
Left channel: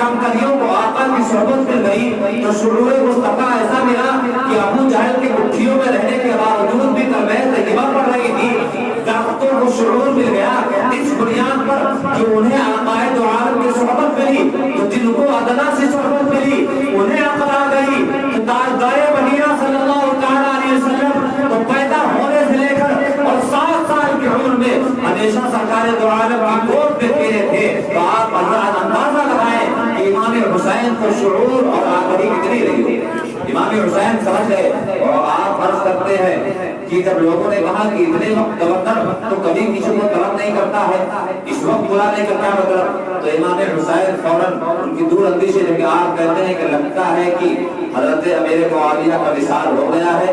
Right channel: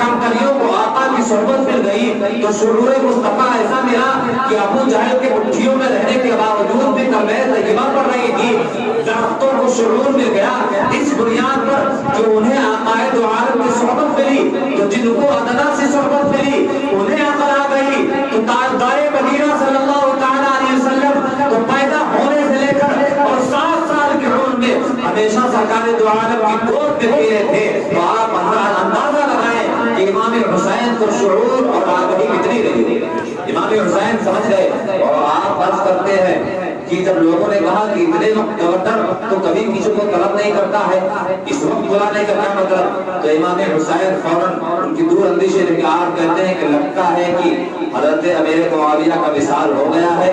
کنکریوں کو آقا کی صحبت مل گئی تو شعور مصطفیٰ ایسا ملا کہ ابو جہل کے مٹھیوں میں رہنے کے باوجود بھی کلمہ طیبہ پڑھ رہی تھی۔ درختوں کو شعور مل گیا اس بنیاد پر کہ انہیں آقا دو عالم کی صحبت ملی، تو جن کو ادنا سے صحبت ملی انہیں عقل آ گئی۔ تو تاجدار مدینہ صلی اللہ تعالی علیہ وسلم تو پیدا ہونے سے لے کر اور 7 سال کی عمر میں ہمیشہ سرکار دو عالم کی گود میں پیے تھے۔ تو آپ اندازہ لگائیں کہ امام حسین کو شعور اور آگاہی کتنی رہی۔ امام حسین سمجھ گئے اور آپ فرض کرتے ہیں کہ جب لوگوں نے کہا کہ اتنے وقت گورنر تو کبھی کسی کو طلب نہیں کرتا ہے، اس وقت بلانے کا کیا مطلب؟ تو امام حسین فوراً ان کی دور اندیشی ہے کہ آپ کہتے ہیں کہ لگتا ہے کہ حضرت امیر معاویہ کا وصال ہو گیا ہے،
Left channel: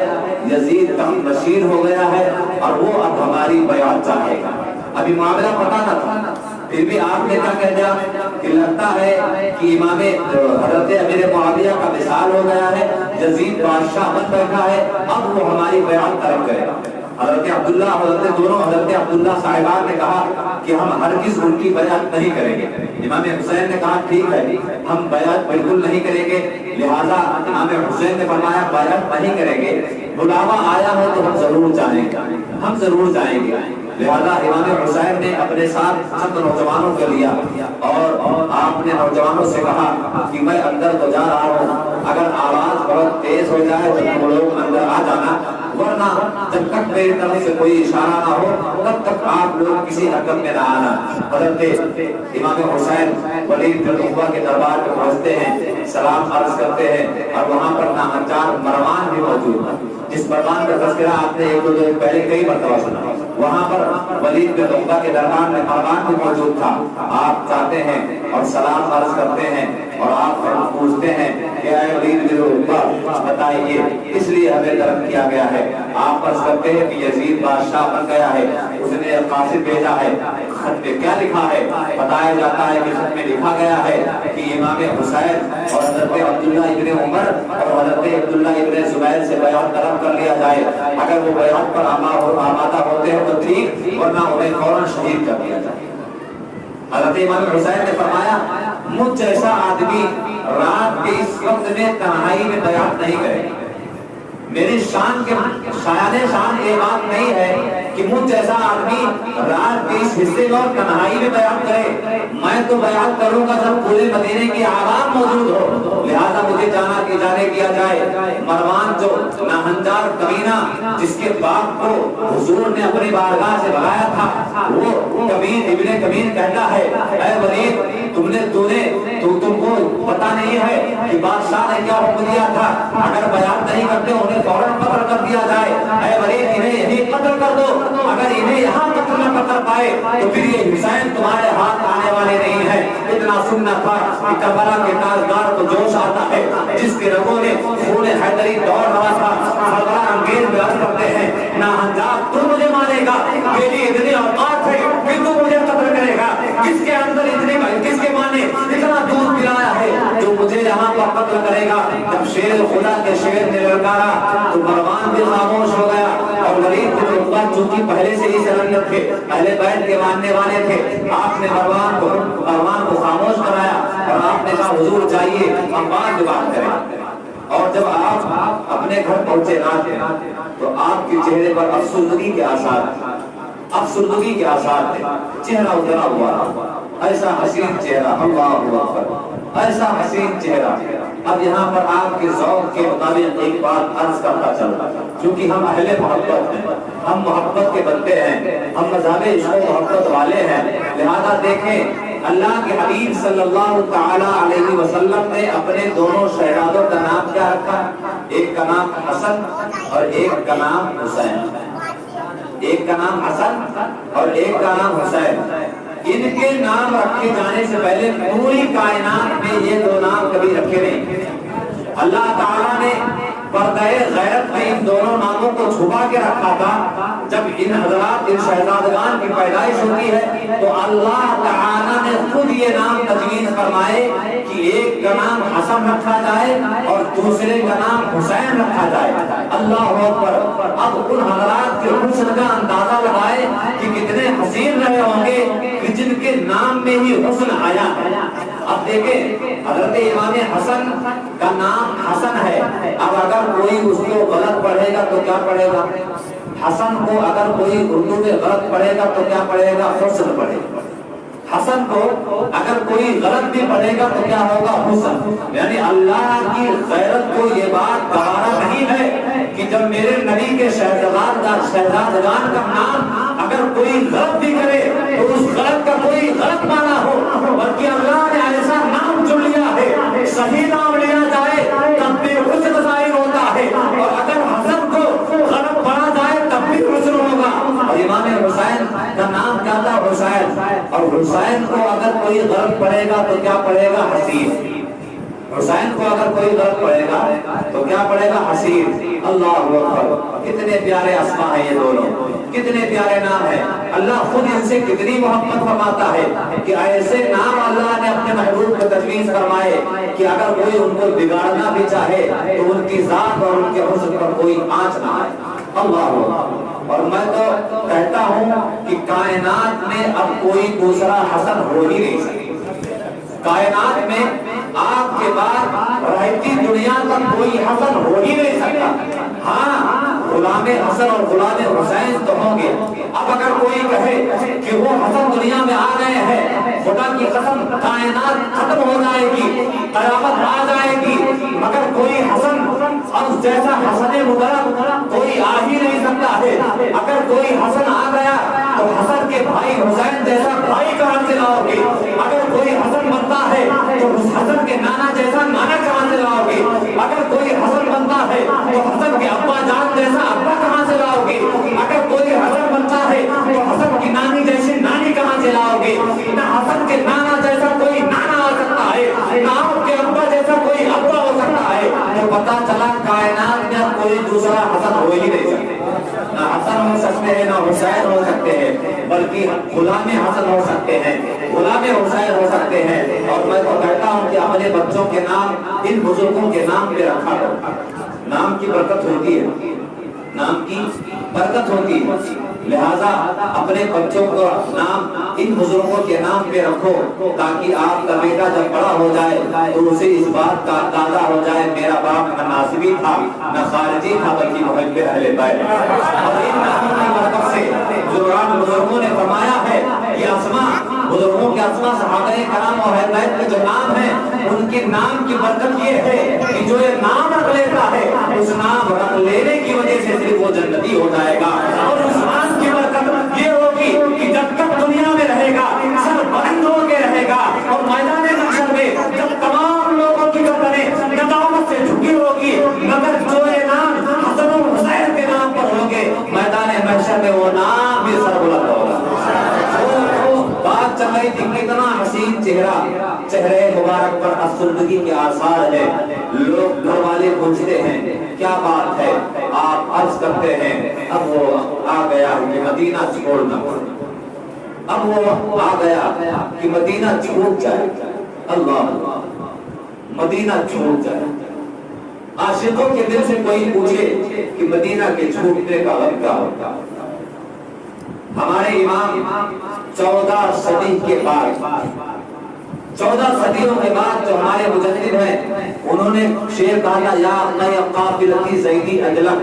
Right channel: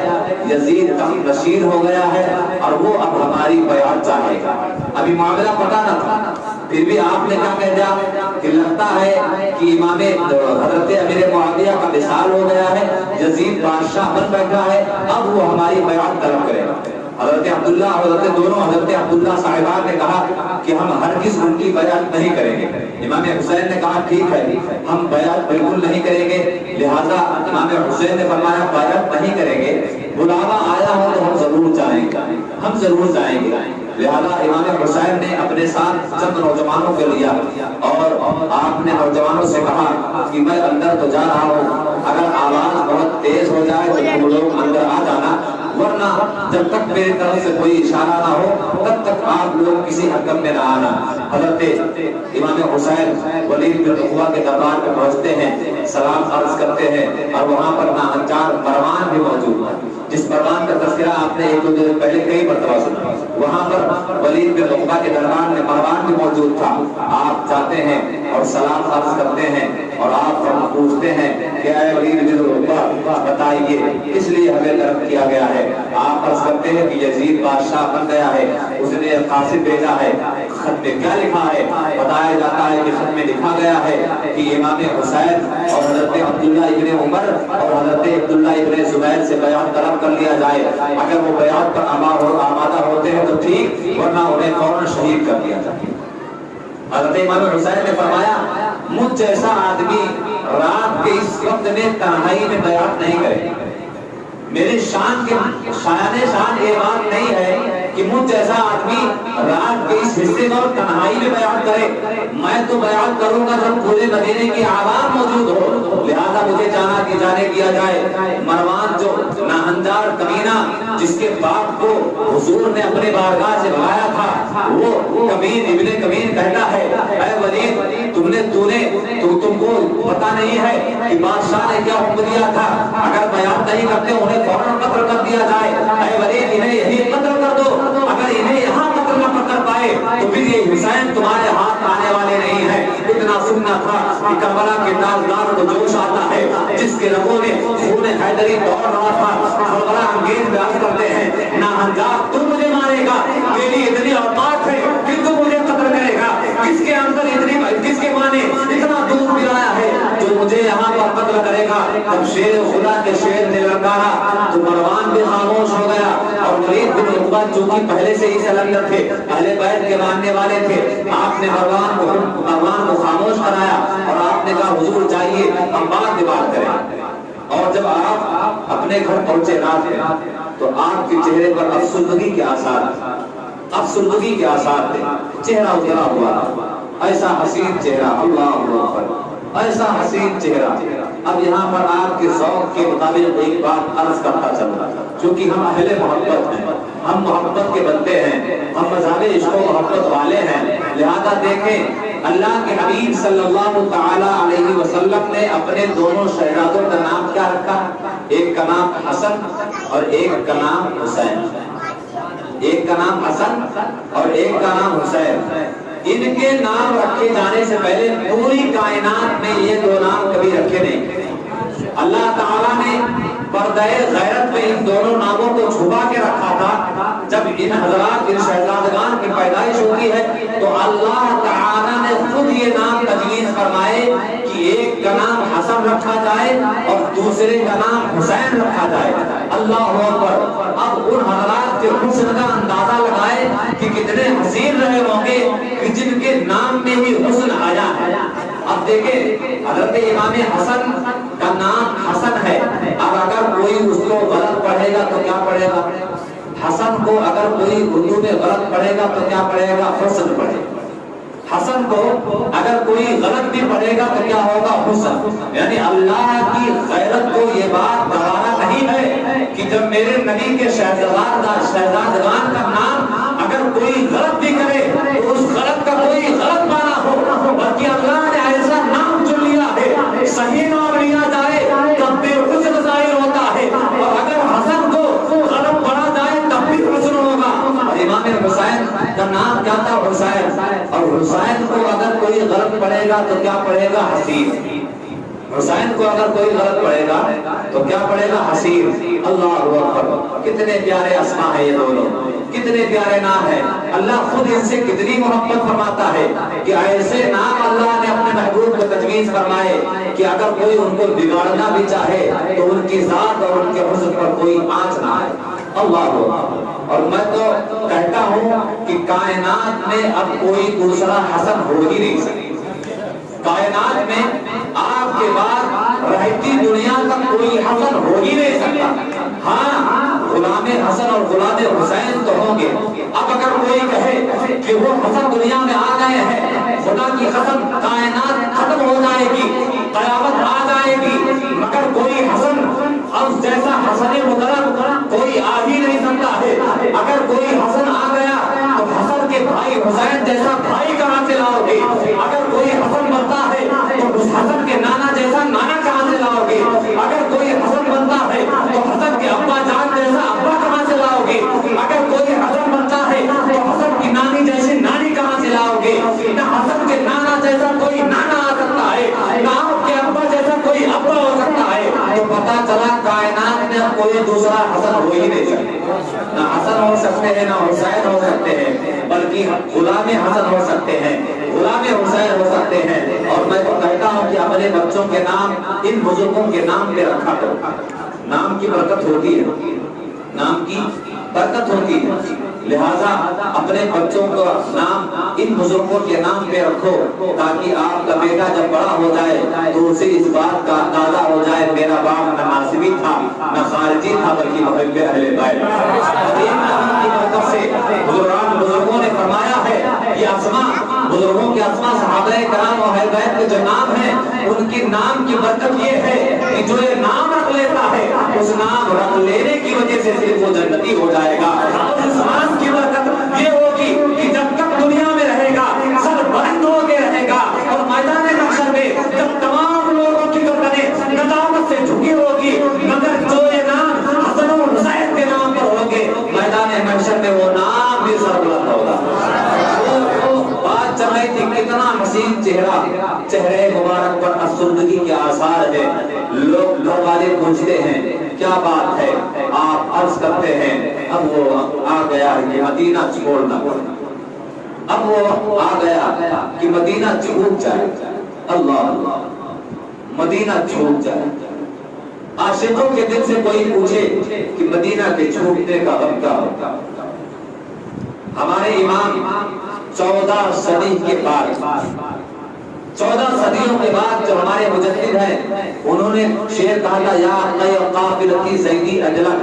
یزید تخت نشین ہو گیا ہے اور وہ اب ہماری بیعت چاہے گا۔ ابھی معاملہ پتہ نہ تھا، پھر بھی آپ نے کیا کہہ دیا کہ لگتا ہے کہ امام حضرت امیر معاویہ کا وصال ہو گیا ہے، یزید بادشاہ بن بیٹھا ہے، اب وہ ہماری بیعت طلب کرے گا۔ حضرت عبداللہ حضرت عبداللہ صاحبان نے کہا کہ ہم ہرگز ان کی بیعت نہیں کریں گے۔ امام حسین نے کہا ٹھیک ہے ہم بیعت بالکل نہیں کریں گے، لہٰذا امام حسین نے فرمایا بیعت نہیں کریں گے، بلاوا آیا ہو تو ہم ضرور جائیں گے، ہم ضرور جائیں گے۔ لہذا امام حسین نے اپنے ساتھ چند نوجوانوں کو لیا اور آپ نے نوجوانوں سے کہا کہ میں اندر تو جا رہا ہوں، اگر آواز بہت تیز ہو جائے تو تم لوگ اندر آ جانا، ورنہ جب تک میری طرف سے کوئی اشارہ نہ ہو تب تک آپ لوگ کسی حرکت میں نہ آنا۔ حضرت امام حسین ولید بن عقبہ کے دربار میں پہنچتے ہیں، سلام عرض کرتے ہیں اور وہاں پر ناچار مروان بھی موجود ہے، جس مروان کا تذکرہ آپ نے ایک دو دن پہلے کئی مرتبہ سنا۔ وہاں پر ولید بن عقبہ کے دربار میں مروان بھی موجود تھا۔ آپ جاتے ہیں اور سلام عرض کرتے ہیں اور آپ پوچھتے ہیں کہ اے ولید بن عقبہ بتائیے اس لیے ہمیں طلب کیا گیا ہے؟ آپ عرض کرتے ہیں کہ یزید بادشاہ بن گیا ہے، اس نے قاصد بھیجا ہے، خط میں کیا لکھا ہے؟ بتایا جاتا ہے کہ خط میں لکھا گیا ہے کہ امام حسین اور حضرت عبداللہ ابن عمر اور حضرت عبداللہ ابن زبیر سے بیعت طلب کر لیا جائے، اگر وہ بیعت پر آمادہ ہوتے ہیں تو ٹھیک، ورنہ انہیں فوراً شہید کر دیا جائے۔ حضرت امام حسین نے فرمایا مجھ جیسا آدمی رات کے اس وقت میں تنہائی میں بیعت نہیں کرے، میرے شان یہ بات نہیں ہے کہ مجھ جیسا آدمی رات کے اس حصے میں اور تنہائی میں بیعت کرے، میں تو بیعت کروں گا جب پورے مدینے کی عوام موجود ہو، لہذا مجھے جانے کیا جائے۔ مروان جو ناہنجار کمینہ جس کے باپ کو حضور نے اپنے بارگاہ سے بلایا تھا، وہ کمین ابن کمین کہتا ہے اے ولید تم کو پتہ نہیں ہے کہ بادشاہ نے کیا حکم دیا تھا، اگر بیعت نہیں کرتے انہیں فوراً قتل کر دیا جائے، اے ولید انہیں یہی قتل کر دو، اگر انہیں یہاں قتل نہ کر پائے تو پھر یہ حسین تمہارے ہاتھ آنے والے نہیں ہیں۔ اتنا سننا تھا کہ کربلا کے تاجدار کو جوش آتا ہے، جس کے رگوں میں خون حیدری دوڑ رہا تھا۔ کربلا انگیز میں عرض کرتے ہیں ناہنجار تو مجھے مانے گا، میری اتنی اوقات ہے کہ تو مجھے قتل کرے گا، کس کے اندر کس کے مانے اتنا دودھ پلایا ہے جو مجھے یہاں پر قتل کرے گا۔ جب شیر خدا کے شیر نے للکارا تو مروان بھی خاموش ہو گیا، اور ولید بن عقبہ جو کہ پہلے سے ہی سلندر تھے، اہل بیت کے ماننے والے تھے، آپ نے مروان کو خاموش کرایا اور آپ نے کہا حضور جائیے ہم بعد میں بات کریں۔ اور جب آپ اپنے گھر پہنچے رات میں تو آپ کے چہرے پر افسردگی کے آثار تھے، چہرہ اترا ہوا، ایسا حسین چہرہ، اللہ اکبر، ایسا حسین چہرہ۔ اب یہاں پر آپ کے ذوق کے مطابق ایک بات عرض کرتا چل رہا ہے، چونکہ ہم اہل محبت ہیں، ہم محبت کے بندے ہیں، ہم مذہب عشق و محبت والے ہیں، لہذا دیکھیں اللہ کے حبیب صلی اللہ تعالی علیہ وسلم نے اپنے دونوں شہزادوں کا نام کیا رکھا؟ ایک کا نام حسن اور ایک کا نام حسین، ایک کا نام حسن اور ایک کا نام حسین۔ ان کے نام رکھے جانے سے پہلے پوری کائنات میں یہ دو نام کبھی رکھے نہیں۔ اللہ تعالیٰ نے پردہ غیرت میں ان دونوں ناموں کو چھپا کے رکھا تھا۔ جب ان حضرات ان شہزادگان کی پیدائش ہوتی ہے تو اللہ تعالیٰ نے خود یہ نام تجویز فرمائے کہ ایک کا نام حسن رکھا جائے اور دوسرے کا نام حسین رکھا جائے۔ اللہ اکبر۔ اب ان حضرات کے حسن کا اندازہ لگائے کہ کتنے حسین رہے ہوں گے کہ جن کے نام میں ہی حسن آیا ہے۔ اب دیکھیں حضرت امام حسن کا نام حسن ہے، اب اگر کوئی اس کو غلط پڑھے گا تو کیا پڑھے گا؟ حسن کو اگر کوئی اردو میں غلط پڑھے گا تو کیا پڑھے گا؟ حسن پڑھے گا۔ حسن کو اگر کوئی غلط بھی پڑھے گا تو کیا ہوگا؟ حسن۔ یعنی اللہ کی غیرت کو یہ بات گوارا نہیں ہے کہ جب میرے نبی کے شہزادگان کا نام اگر کوئی غلط بھی کرے تو اس غلط کا کوئی غلط معنی ہو، بلکہ اللہ نے ایسا نام چن لیا ہے، صحیح نام لیا جائے تب بھی حسن ظاہر ہوتا ہے، اور اگر حسن کو غلط پڑھا جائے تب بھی حسن ہوگا۔ اور امام حسین کا نام کیا تھا؟ حسین، اور حسین کو اگر کوئی غلط پڑھے گا تو کیا پڑھے گا؟ حسین۔ حسین کو اگر کوئی غلط پڑھے گا تو کیا پڑھے گا؟ حسین۔ اللہ اکبر۔ کتنے پیارے اسماء ہیں یہ دونوں، کتنے پیارے نام ہیں۔ اللہ خود ان سے کتنی محبت فرماتا ہے کہ ایسے نام اللہ نے اپنے محبوب کو تجویز فرمائے کہ اگر کوئی ان کو بگاڑنا بھی چاہے تو ان کی ذات اور ان کے حسن پر کوئی آنچ نہ آئے۔ اللہ اکبر۔ اور میں تو کہتا ہوں کہ کائنات میں اب کوئی دوسرا حسن ہو ہی نہیں سکتا، کائنات میں آپ کے بعد رہتی دنیا کا کوئی حسن ہو ہی نہیں سکتا۔ ہاں غلام حسن اور غلام حسین تو ہوں گے۔ اب اگر کوئی کہے کہ وہ حسن دنیا میں آ گئے ہیں، خدا کی قسم کائنات ختم ہو جائے گی، قیامت آ جائے گی، مگر کوئی حسن اب جیسا حسن مبارک کوئی آ ہی نہیں سکتا ہے۔ اگر کوئی حسن آ گیا تو حسن کے بھائی حسین جیسا بھائی کہاں سے لاؤ گے؟ اگر کوئی حسن بنتا ہے تو اس حسن کے نانا جیسا نانا کہاں سے لاؤ گے؟ اگر کوئی حسن بنتا ہے تو حسن کے ابا جان جیسا ابا کہاں سے لاؤ گے؟ اگر کوئی حسن بنتا ہے تو حسن کی نانی جیسی نانی کہاں سے لاؤ گے؟ نہ حسن کے نانا جیسا کوئی نانا آ سکتا ہے، نہ آپ کے ابا جیسا کوئی ابا ہو سکتا ہے۔ تو پتا چلا کائنات میں کوئی دوسرا حسن ہو ہی نہیں سکتا، نہ حسن ہو سکتے ہیں نہ حسین ہو سکتے ہیں، بلکہ غلام حسن ہو سکتے ہیں، غلام حسین ہو سکتے ہیں۔ اور میں تو کہتا ہوں کہ اپنے بچوں کے نام ان بزرگوں کے نام پہ رکھا کرو، نام کی برکت ہوتی ہے، نام کی برکت ہوتی ہے، لہذا اپنے بچوں کا نام ان بزرگوں کے نام پہ رکھو تاکہ آپ کا بیٹا جب بڑا ہو جائے تو اسے اس بات کا اندازہ ہو جائے میرا باپ نہ ناصبی تھا نہ خارجی تھا بلکہ محب اہل بیت۔ اور ان ناموں کی برکت سے بزرگوں نے فرمایا ہے کہ اسماء، بزرگوں کے اسماء صحابہ کرام اور اہل بیت کے جو نام ہیں ان کے نام کی برکت یہ ہے کہ جو یہ نام رکھ لیتا ہے اس نام رکھ لینے کی وجہ سے صرف وہ جنتی ہو جائے گا۔ اور اس نام کی برکت یہ ہوگی کہ جب تک دنیا میں رہے گا سر بلند ہو کے رہے گا، اور میدان محشر میں جب تمام لوگوں کی گردنیں ندامت سے جھکی ہوگی مگر جو یہ نام حسن و حسین کے نام پر ہوں گے میدان محشر میں وہ نام بھی سر بلند ہوگا۔ بات چل رہی تھی کتنا حسین چہرے مبارک پر افسردگی کے آثار ہے، لوگ گھر والے پوچھتے ہیں کیا بات ہے، آپ عرض کرتے ہیں اب وہ آ گیا کہ مدینہ چھوڑنا، اب وہ آ گیا کہ مدینہ چھوٹ جائے، اللہ مدینہ چھوٹ جائے۔ عاشقوں کے دل سے کوئی پوچھے کہ مدینہ کے چھوٹنے کا غم کیا ہوگا؟ ہمارے امام 14 صدی کے بعد، 14 صدیوں کے بعد جو ہمارے مجدد ہیں انہوں نے شعر کہا یا میں قافلتی زیدی اجلا،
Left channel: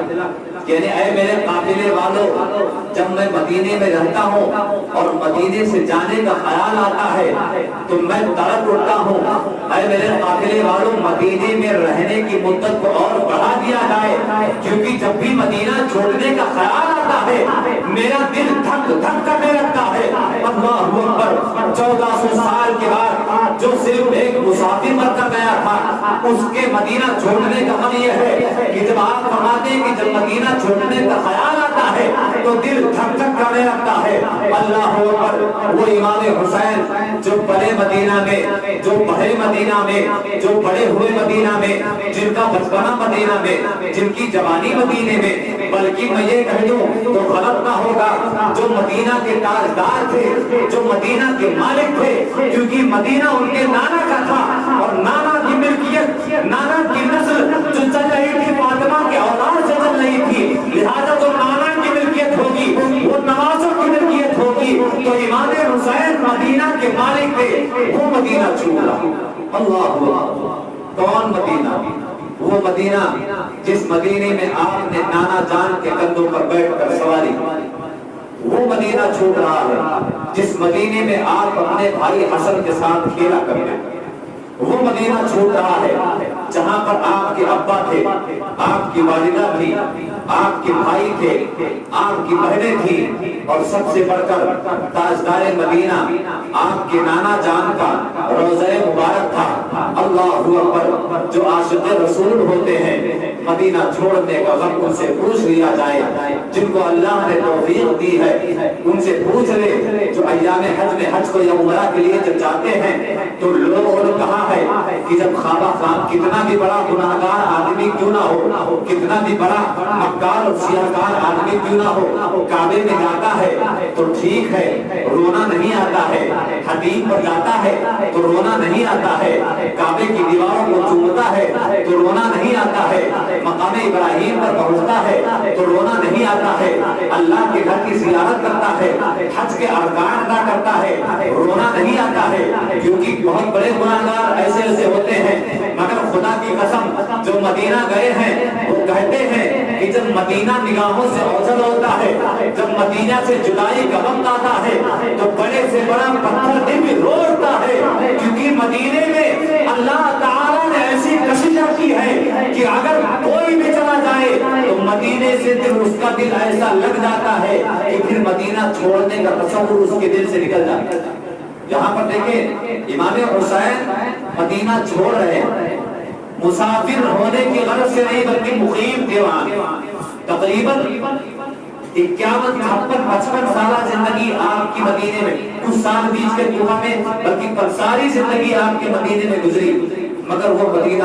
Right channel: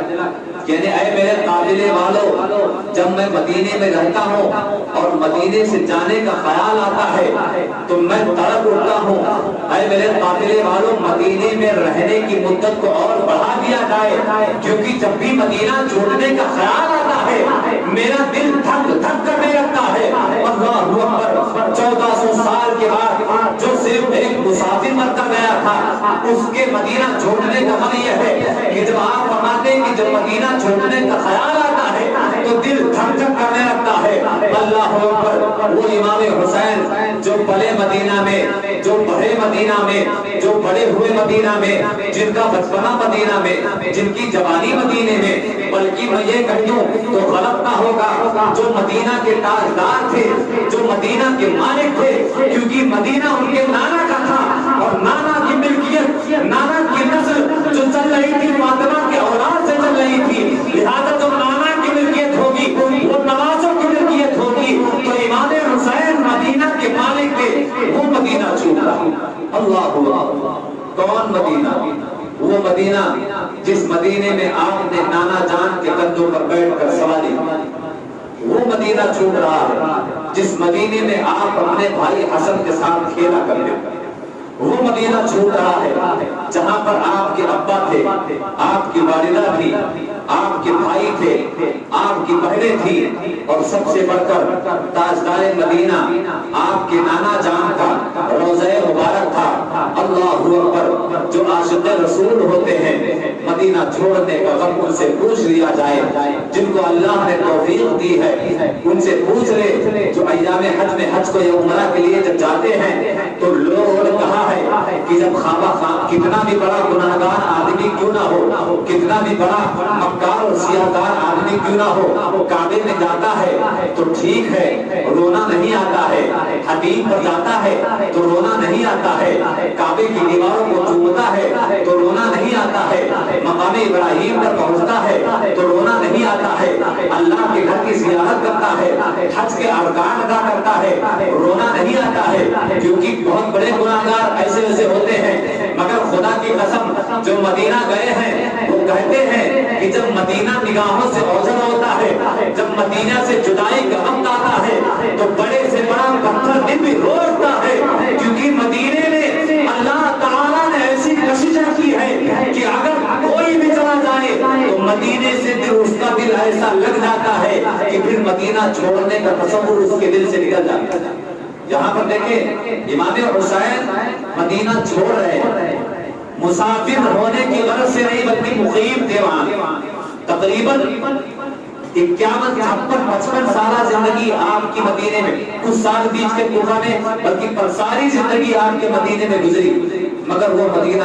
یعنی اے میرے قافلے والو جب میں مدینے میں رہتا ہوں اور مدینے سے جانے کا خیال آتا ہے تو میں تڑپ اٹھتا ہوں، اے میرے قافلے والو مدینے میں رہنے کی مدت کو اور بڑھا دیا جائے، کیونکہ جب بھی مدینہ چھوڑنے کا خیال آتا ہے میرا دل دھک دھک کرنے لگتا ہے۔ اللہ اکبر، 1400 سال کے بعد جو صرف ایک مسافر بن کر گیا تھا اس کے مدینہ چھوڑنے کا مطلب یہ ہے کہ جب آپ فرماتے ہیں کہ جب مدینہ چھوڑنے کا خیال آتا ہے تو دل دھک دھک کرنے لگتا ہے۔ اللہ اکبر، وہ امام حسین جو پلے مدینہ میں، جو بڑے مدینہ میں، جو بڑے ہوئے مدینہ میں، جن کا بچپنا مدینہ میں، جن کی جوانی مدینے میں، بلکہ میں یہ کہہ دوں تو غلط نہ ہوگا جو مدینہ کے تاجدار تھے، جو مدینہ کے مالک تھے، کیونکہ مدینہ ان کے نانا کا تھا اور نانا کی ملکیت، نانا کی نسل جو چل رہی تھی فاطمہ کے اولاد سے چل رہی تھی، لہذا جو نانا کی ملکیت ہوگی وہ نوازوں کی ملکیت ہوگی، تو امام حسین مدینہ کے مالک تھے، وہ مدینہ چھوڑا۔ اللہ، کون مدینہ؟ وہ مدینہ جس مدینے میں آپ نے نانا جان کے کندھوں پر بیٹھ کر سواری، وہ مدینہ چھوٹ رہا ہے جس مدینے میں آپ اپنے بھائی حسن کے ساتھ کھیلا کرتے تھے، وہ مدینہ چھوٹ رہا ہے جہاں پر آپ کے ابا تھے، آپ کی والدہ تھی، آپ کے بھائی تھے، آپ کی بہنیں تھی، اور سب سے بڑھ کر تاجدار مدینہ آپ کے نانا جان کا روضہ مبارک تھا۔ اللہ اکبر، جو عاشق رسول ہوتے ہیں مدینہ چھوڑنے کا غم ان سے پوچھ لیا جائے، جن کو اللہ نے توفیق دی ہے ان سے پوچھ لے، جو ایام حج میں حج کو یا عمرہ کے لیے جب جاتے ہیں تو لوگوں نے کہا ہے کہ جب کتنا بھی بڑا گناہگار آدمی کیوں نہ ہو، کتنا بھی بڑا مکار اور سیاہکار آدمی کیوں نہ ہو، کعبے میں جاتا ہے تو ٹھیک ہے رونا نہیں آتا ہے، حدیث پر جاتا ہے تو رونا نہیں آتا ہے، کعبے کی دیواروں کو چومتا ہے تو رونا نہیں آتا ہے، مقام ابراہیم پر پہنچتا ہے تو رونا نہیں آتا ہے، اللہ کے گھر کی زیارت کرتا ہے، حج کے ارکان ادا کرتا ہے، رونا نہیں آتا ہے، کیونکہ بہت بڑے گناہگار ایسے ایسے ہوتے ہیں، مگر خدا کی قسم جو مدینہ گئے ہیں وہ کہتے ہیں کہ جب مدینہ نگاہوں سے اوجھل ہوتا ہے، جب مدینہ سے جدائی کا وقت آتا ہے تو بڑے سے بڑا پتھر بھی رو اٹھتا ہے، کیونکہ مدینے میں اللہ تعالیٰ نے ایسی کششیں کی ہے کہ اگر کوئی بھی چلا جائے تو مدینے سے پھر اس کا دل ایسا لگ جاتا ہے کہ پھر مدینہ چھوڑنے کا تصور اس کے دل سے نکل جاتا ہے۔ یہاں پر دیکھیں امام حسین مدینہ چھوڑ رہے ہیں، مسافر ہونے کی غرض سے نہیں بلکہ مقیم تھے وہاں، تقریباً 51-56 سالہ زندگی آپ کی مدینے میں، کچھ سال بیچ کے کوفہ میں، بلکہ پر ساری زندگی آپ کے مدینے میں گزری، مگر وہ مدینہ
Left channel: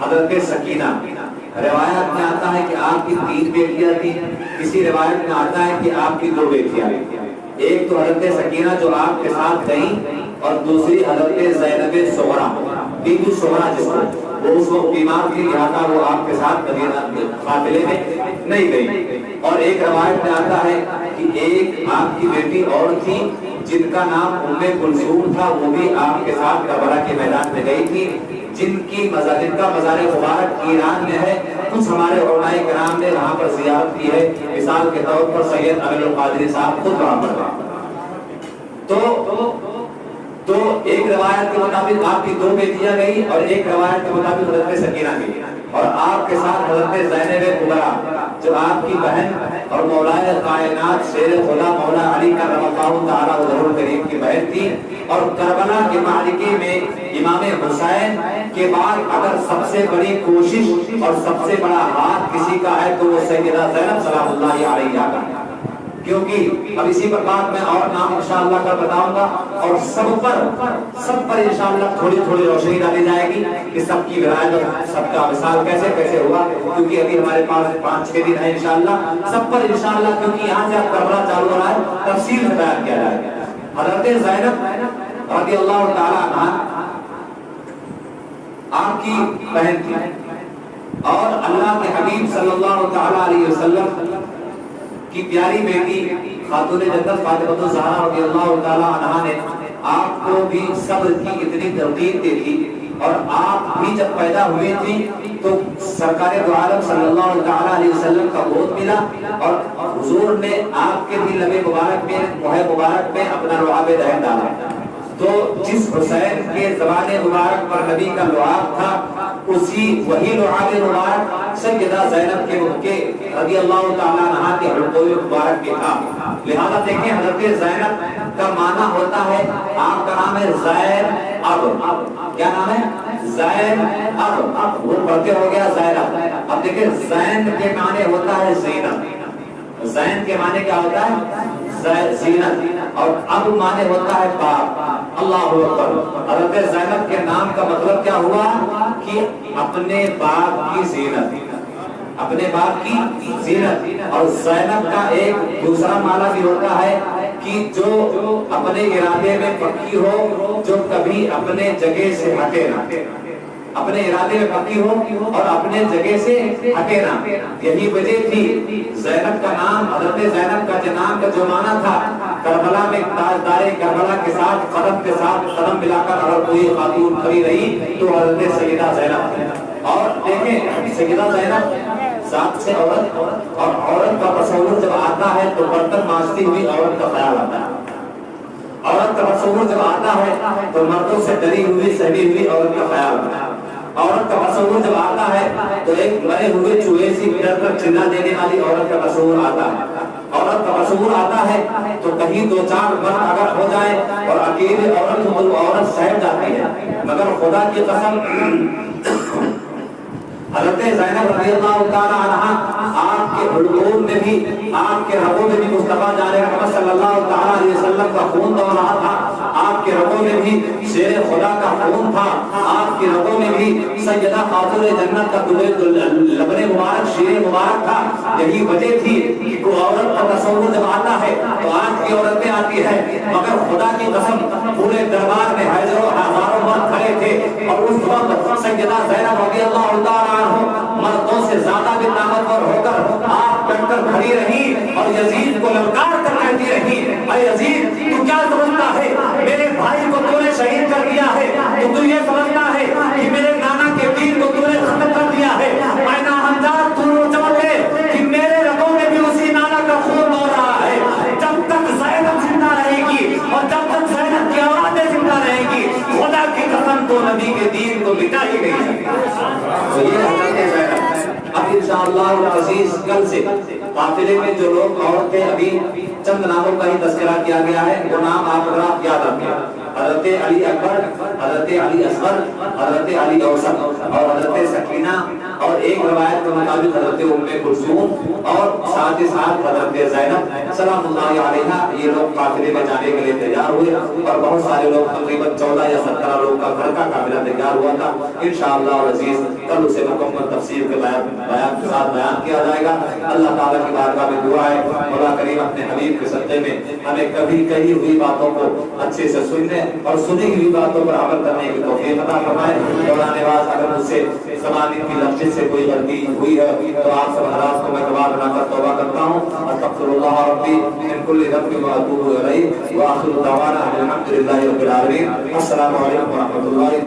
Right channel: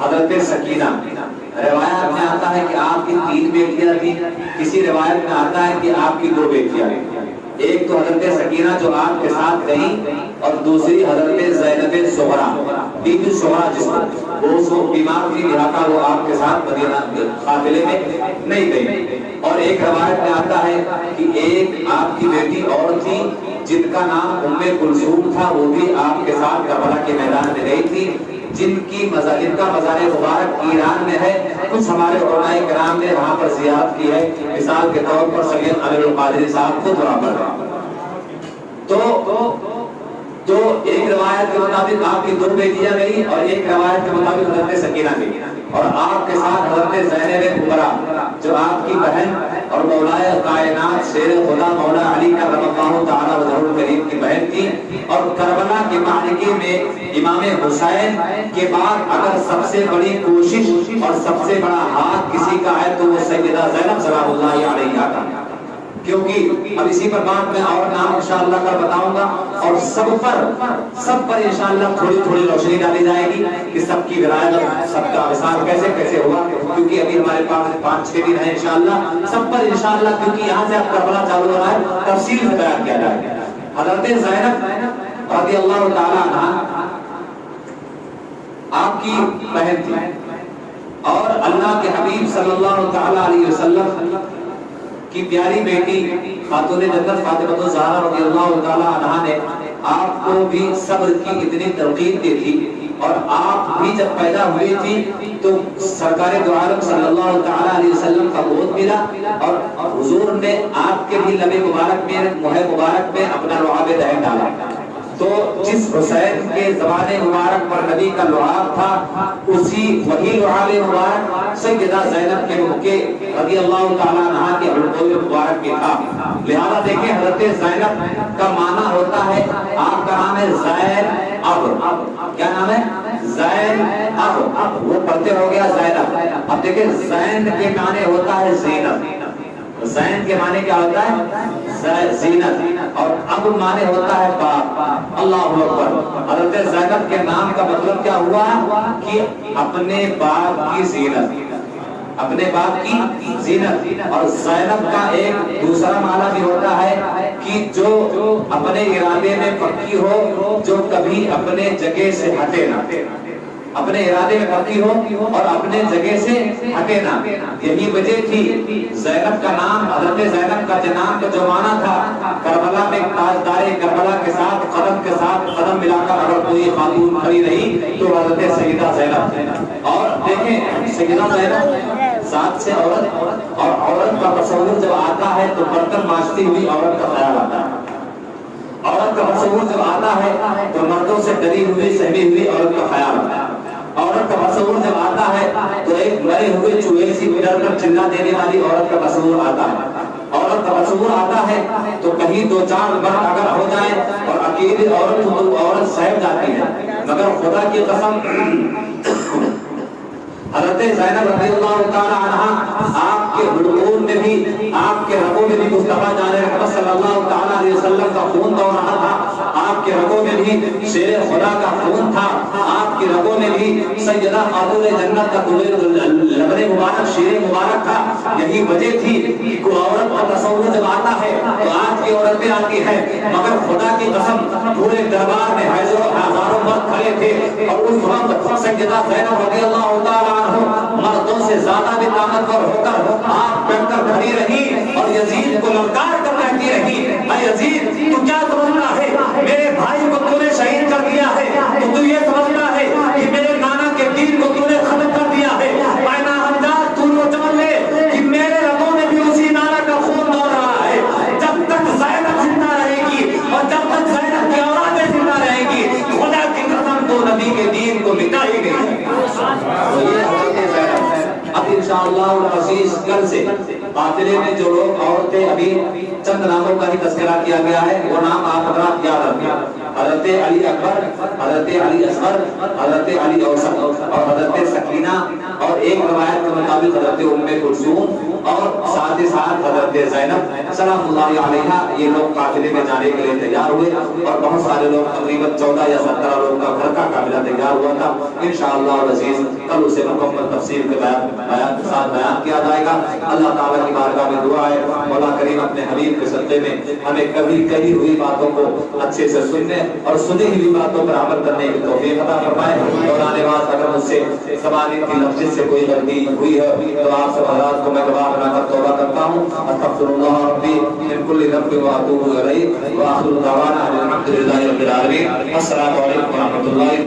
حضرت سکینہ، روایت میں آتا ہے کہ آپ کی 3 بیٹیاں تھیں، کسی روایت میں آتا ہے کہ آپ کی 2 بیٹیاں، ایک تو حضرت سکینہ جو آپ کے ساتھ گئی اور دوسری حضرت زینب صغرا، بی بی صغرا جس کو وہ اس وقت بیمار تھی لہٰذا وہ آپ کے ساتھ مدینہ قافلے میں نہیں گئی۔ اور ایک روایت میں آتا ہے کہ ایک آپ کی بیٹی اور تھی جن کا نام ام کلثوم تھا، وہ بھی آپ کے ساتھ کربلا کے میدان میں گئی تھی، جن کا مزار مبارک ایران میں ہے۔ کچھ ہمارے علماء کرام نے وہاں پر زیارت کی ہے، مثال کے طور پر سید علی القادری صاحب خود وہاں پر تو ایک روایت کے مطابق آپ کی 2 بیٹیاں گئی اور ایک روایت کے مطابق حضرت سکینہ گئی، اور آپ کے ساتھ حضرت زینب کبریٰ جو آپ کی بہن اور مولائے کائنات شیر خدا مولا علی کا رضی اللہ تعالی وجہہ الکریم کی بہن تھی۔ اور کربلا کے معرکے میں امام حسین کے بعد اگر سب سے بڑی کوشش اور سب سے بڑا ہاتھ کسی کا ہے تو وہ سیدہ زینب سلام اللہ علیہا کا، کیونکہ اب اسی پر بات میں اور نام انشاءاللہ کا بتاؤں گا، اور سب پر انشاءاللہ تھوڑی تھوڑی روشنی ڈالی جائے گی کہ سب کی ولادت، سب کا وصال کیسے ہوا، کیونکہ ابھی ہمارے پاس 5-6 دن ہے انشاءاللہ، سب پر انشاءاللہ، کیونکہ یہاں سے اب کربلا چالو ہو رہا ہے، تفصیل سے بیان کیا جائے گا۔ حضرت زینب رضی اللہ تعالی عنہا آپ کی بہن تھی، اور اللہ کے حبیب صلی اللہ تعالی علیہ وسلم کی پیاری بیٹی خاتون جنت فاطمہ الزہرا رضی اللہ تعالی عنہا نے آپ کو بھی صبر کی اتنی ترغیب دی تھی، اور آپ بھی جب پیدا ہوئی تھی تو سرکار دو عالم صلی اللہ تعالی علیہ وسلم کا گود ملا، اور حضور نے آپ کے بھی لب مبارک میں منہ مبارک میں اپنا لعاب دہن ڈالا، تو جس حسین کے زبان مبارک پر نبی کا لعاب تھا وہی لعاب مبارک سیدہ زینب کے منہ کے رضی اللہ تعالی عنہا کے حلقوم مبارک کے تھا۔ لہذا دیکھیں حضرت زینب کا معنی ہوتا ہے، آپ کا نام ہے زین اب، کیا نام ہے؟ زین اب، وہ پڑھتے ہو گیا زینب۔ اب دیکھیں زین کے معنی ہوتا ہے زینت، زین کے معنی کیا ہوتا ہے؟ زینت، اور اب معنی ہوتا ہے باپ۔ اللہ اکبر۔ حضرت زینب کے نام کا مطلب کیا ہوا کہ اپنے باپ کی زینت، اپنے باپ کی زینت۔ اور زینب کا ایک دوسرا معنی بھی ہوتا ہے کہ جو اپنے ارادے میں پکی ہو، جو کبھی اپنے جگہ سے ہٹے نہ، اپنے ارادے میں پکی ہو اور اپنے جگہ سے ہٹے نہ۔ یہی وجہ تھی زینب کا نام، حضرت زینب کا نام کا جو معنی تھا، کربلا میں تاجدار کربلا کے ساتھ قدم ملا کر اگر کوئی خاتون کھڑی رہی تو حضرت سیدہ زینب۔ اور دیکھیں سیدہ زینب ذات سے عورت، اور عورت کا تصور جب آتا ہے تو برتن مانجتی ہوئی عورت کا خیال آتا ہے، عورت کا تصور جب آتا ہے تو مردوں سے ڈری ہوئی سہمی ہوئی عورت کا خیال آتا ہے، عورت کا تصور جب آتا ہے تو ایک مرے ہوئے چوہے سی ڈر کر چلا دینے والی عورت کا تصور آتا ہے، عورت کا تصور آتا ہے تو کہیں 2-4 مرد اگر ہو جائے اور اکیلی عورت ہو تو عورت سہم جاتی ہے، مگر خدا کی قسم حضرت زینب رضی اللہ تعالی عنہا آپ کے حلقوم میں بھی، آپ کے رگوں میں بھی مصطفیٰ جان محمد صلی اللہ تعالی علیہ وسلم کا خون دوڑ رہا تھا، آپ کے رگوں میں بھی شیر خدا کا خون تھا، آپ کی رگوں میں بھی سیدہ خاتون جنت کا لبن مبارک شیر مبارک تھا۔ یہی وجہ تھی کہ کوئی عورت کا تصور جب آتا ہے تو آج کی عورتیں آتی ہے، مگر خدا کی قسم پورے دربار میں ہزاروں مرد کھڑے تھے، اور اس وقت سیدہ زینب رضی اللہ تعالی مردوں سے زیادہ بھی طاقتور ہو کر آپ بن کر کھڑی رہی اور یزید کو للکار کر کہتی رہی، اے یزید تو کیا سمجھتا ہے میرے بھائی کو تو نے شہید کر دیا ہے، تو یہ سمجھتا ہے کہ میرے نانا کے دین کو تو نے ختم کر دیا ہے، اے ناہنجار تو وہ سمجھ لے کہ میرے رگوں میں بھی اسی نانا کا خون دوڑ رہا ہے۔ جب تک زینب زندہ رہے گی اور جب تک زینب کی اولادیں زندہ رہے گی، خدا کی قسم تو نبی کے دین کو مٹا ہی گئی۔ اب انشاءاللہ العزیز کل سے قافلے میں جو لوگ اور تھے، ابھی چند ناموں کا ہی تذکرہ کیا گیا ہے، وہ نام آپ حضرات یاد رکھیں۔ حضرت حضرت علی اکبر، حضرت علی اصغر، حضرت علی اوسط اور حضرت سکینہ، اور ایک روایت کے مطابق حضرت ام کلثوم، اور ساتھ ہی ساتھ حضرت زینب سلام اللہ علیہا، یہ لوگ قافلے میں جانے کے لیے تیار ہوئے، اور بہت سارے لوگ تقریباً 14 یا 17 لوگ کا گھر کا قافلہ تیار ہوا تھا۔ انشاءاللہ العزیز کل اسے مکمل تفصیل کے بیان کے ساتھ بیان کیا جائے گا۔ اللہ تعالیٰ کی بارگاہ میں دعا ہے مولا کریم اپنے حبیب کے صدقے میں ہمیں کبھی کہی ہوئی باتوں کو اچھے سے سننے اور سنی ہوئی باتوں پر عمل کرنے کی توفیق عطا فرمائے۔ مولانا نواز اگر مجھ سے زبان کی لفظ سے کوئی غلطی ہوئی ہے تو آپ سب حضرات کو میں گواہ بنا کر توبہ کرتا ہوں۔ استغفر اللہ ربی من کل ذنب واتوب الیہ، واخر دعوانا الحمد للہ رب العالمین۔ السلام علیکم و رحمۃ اللہ۔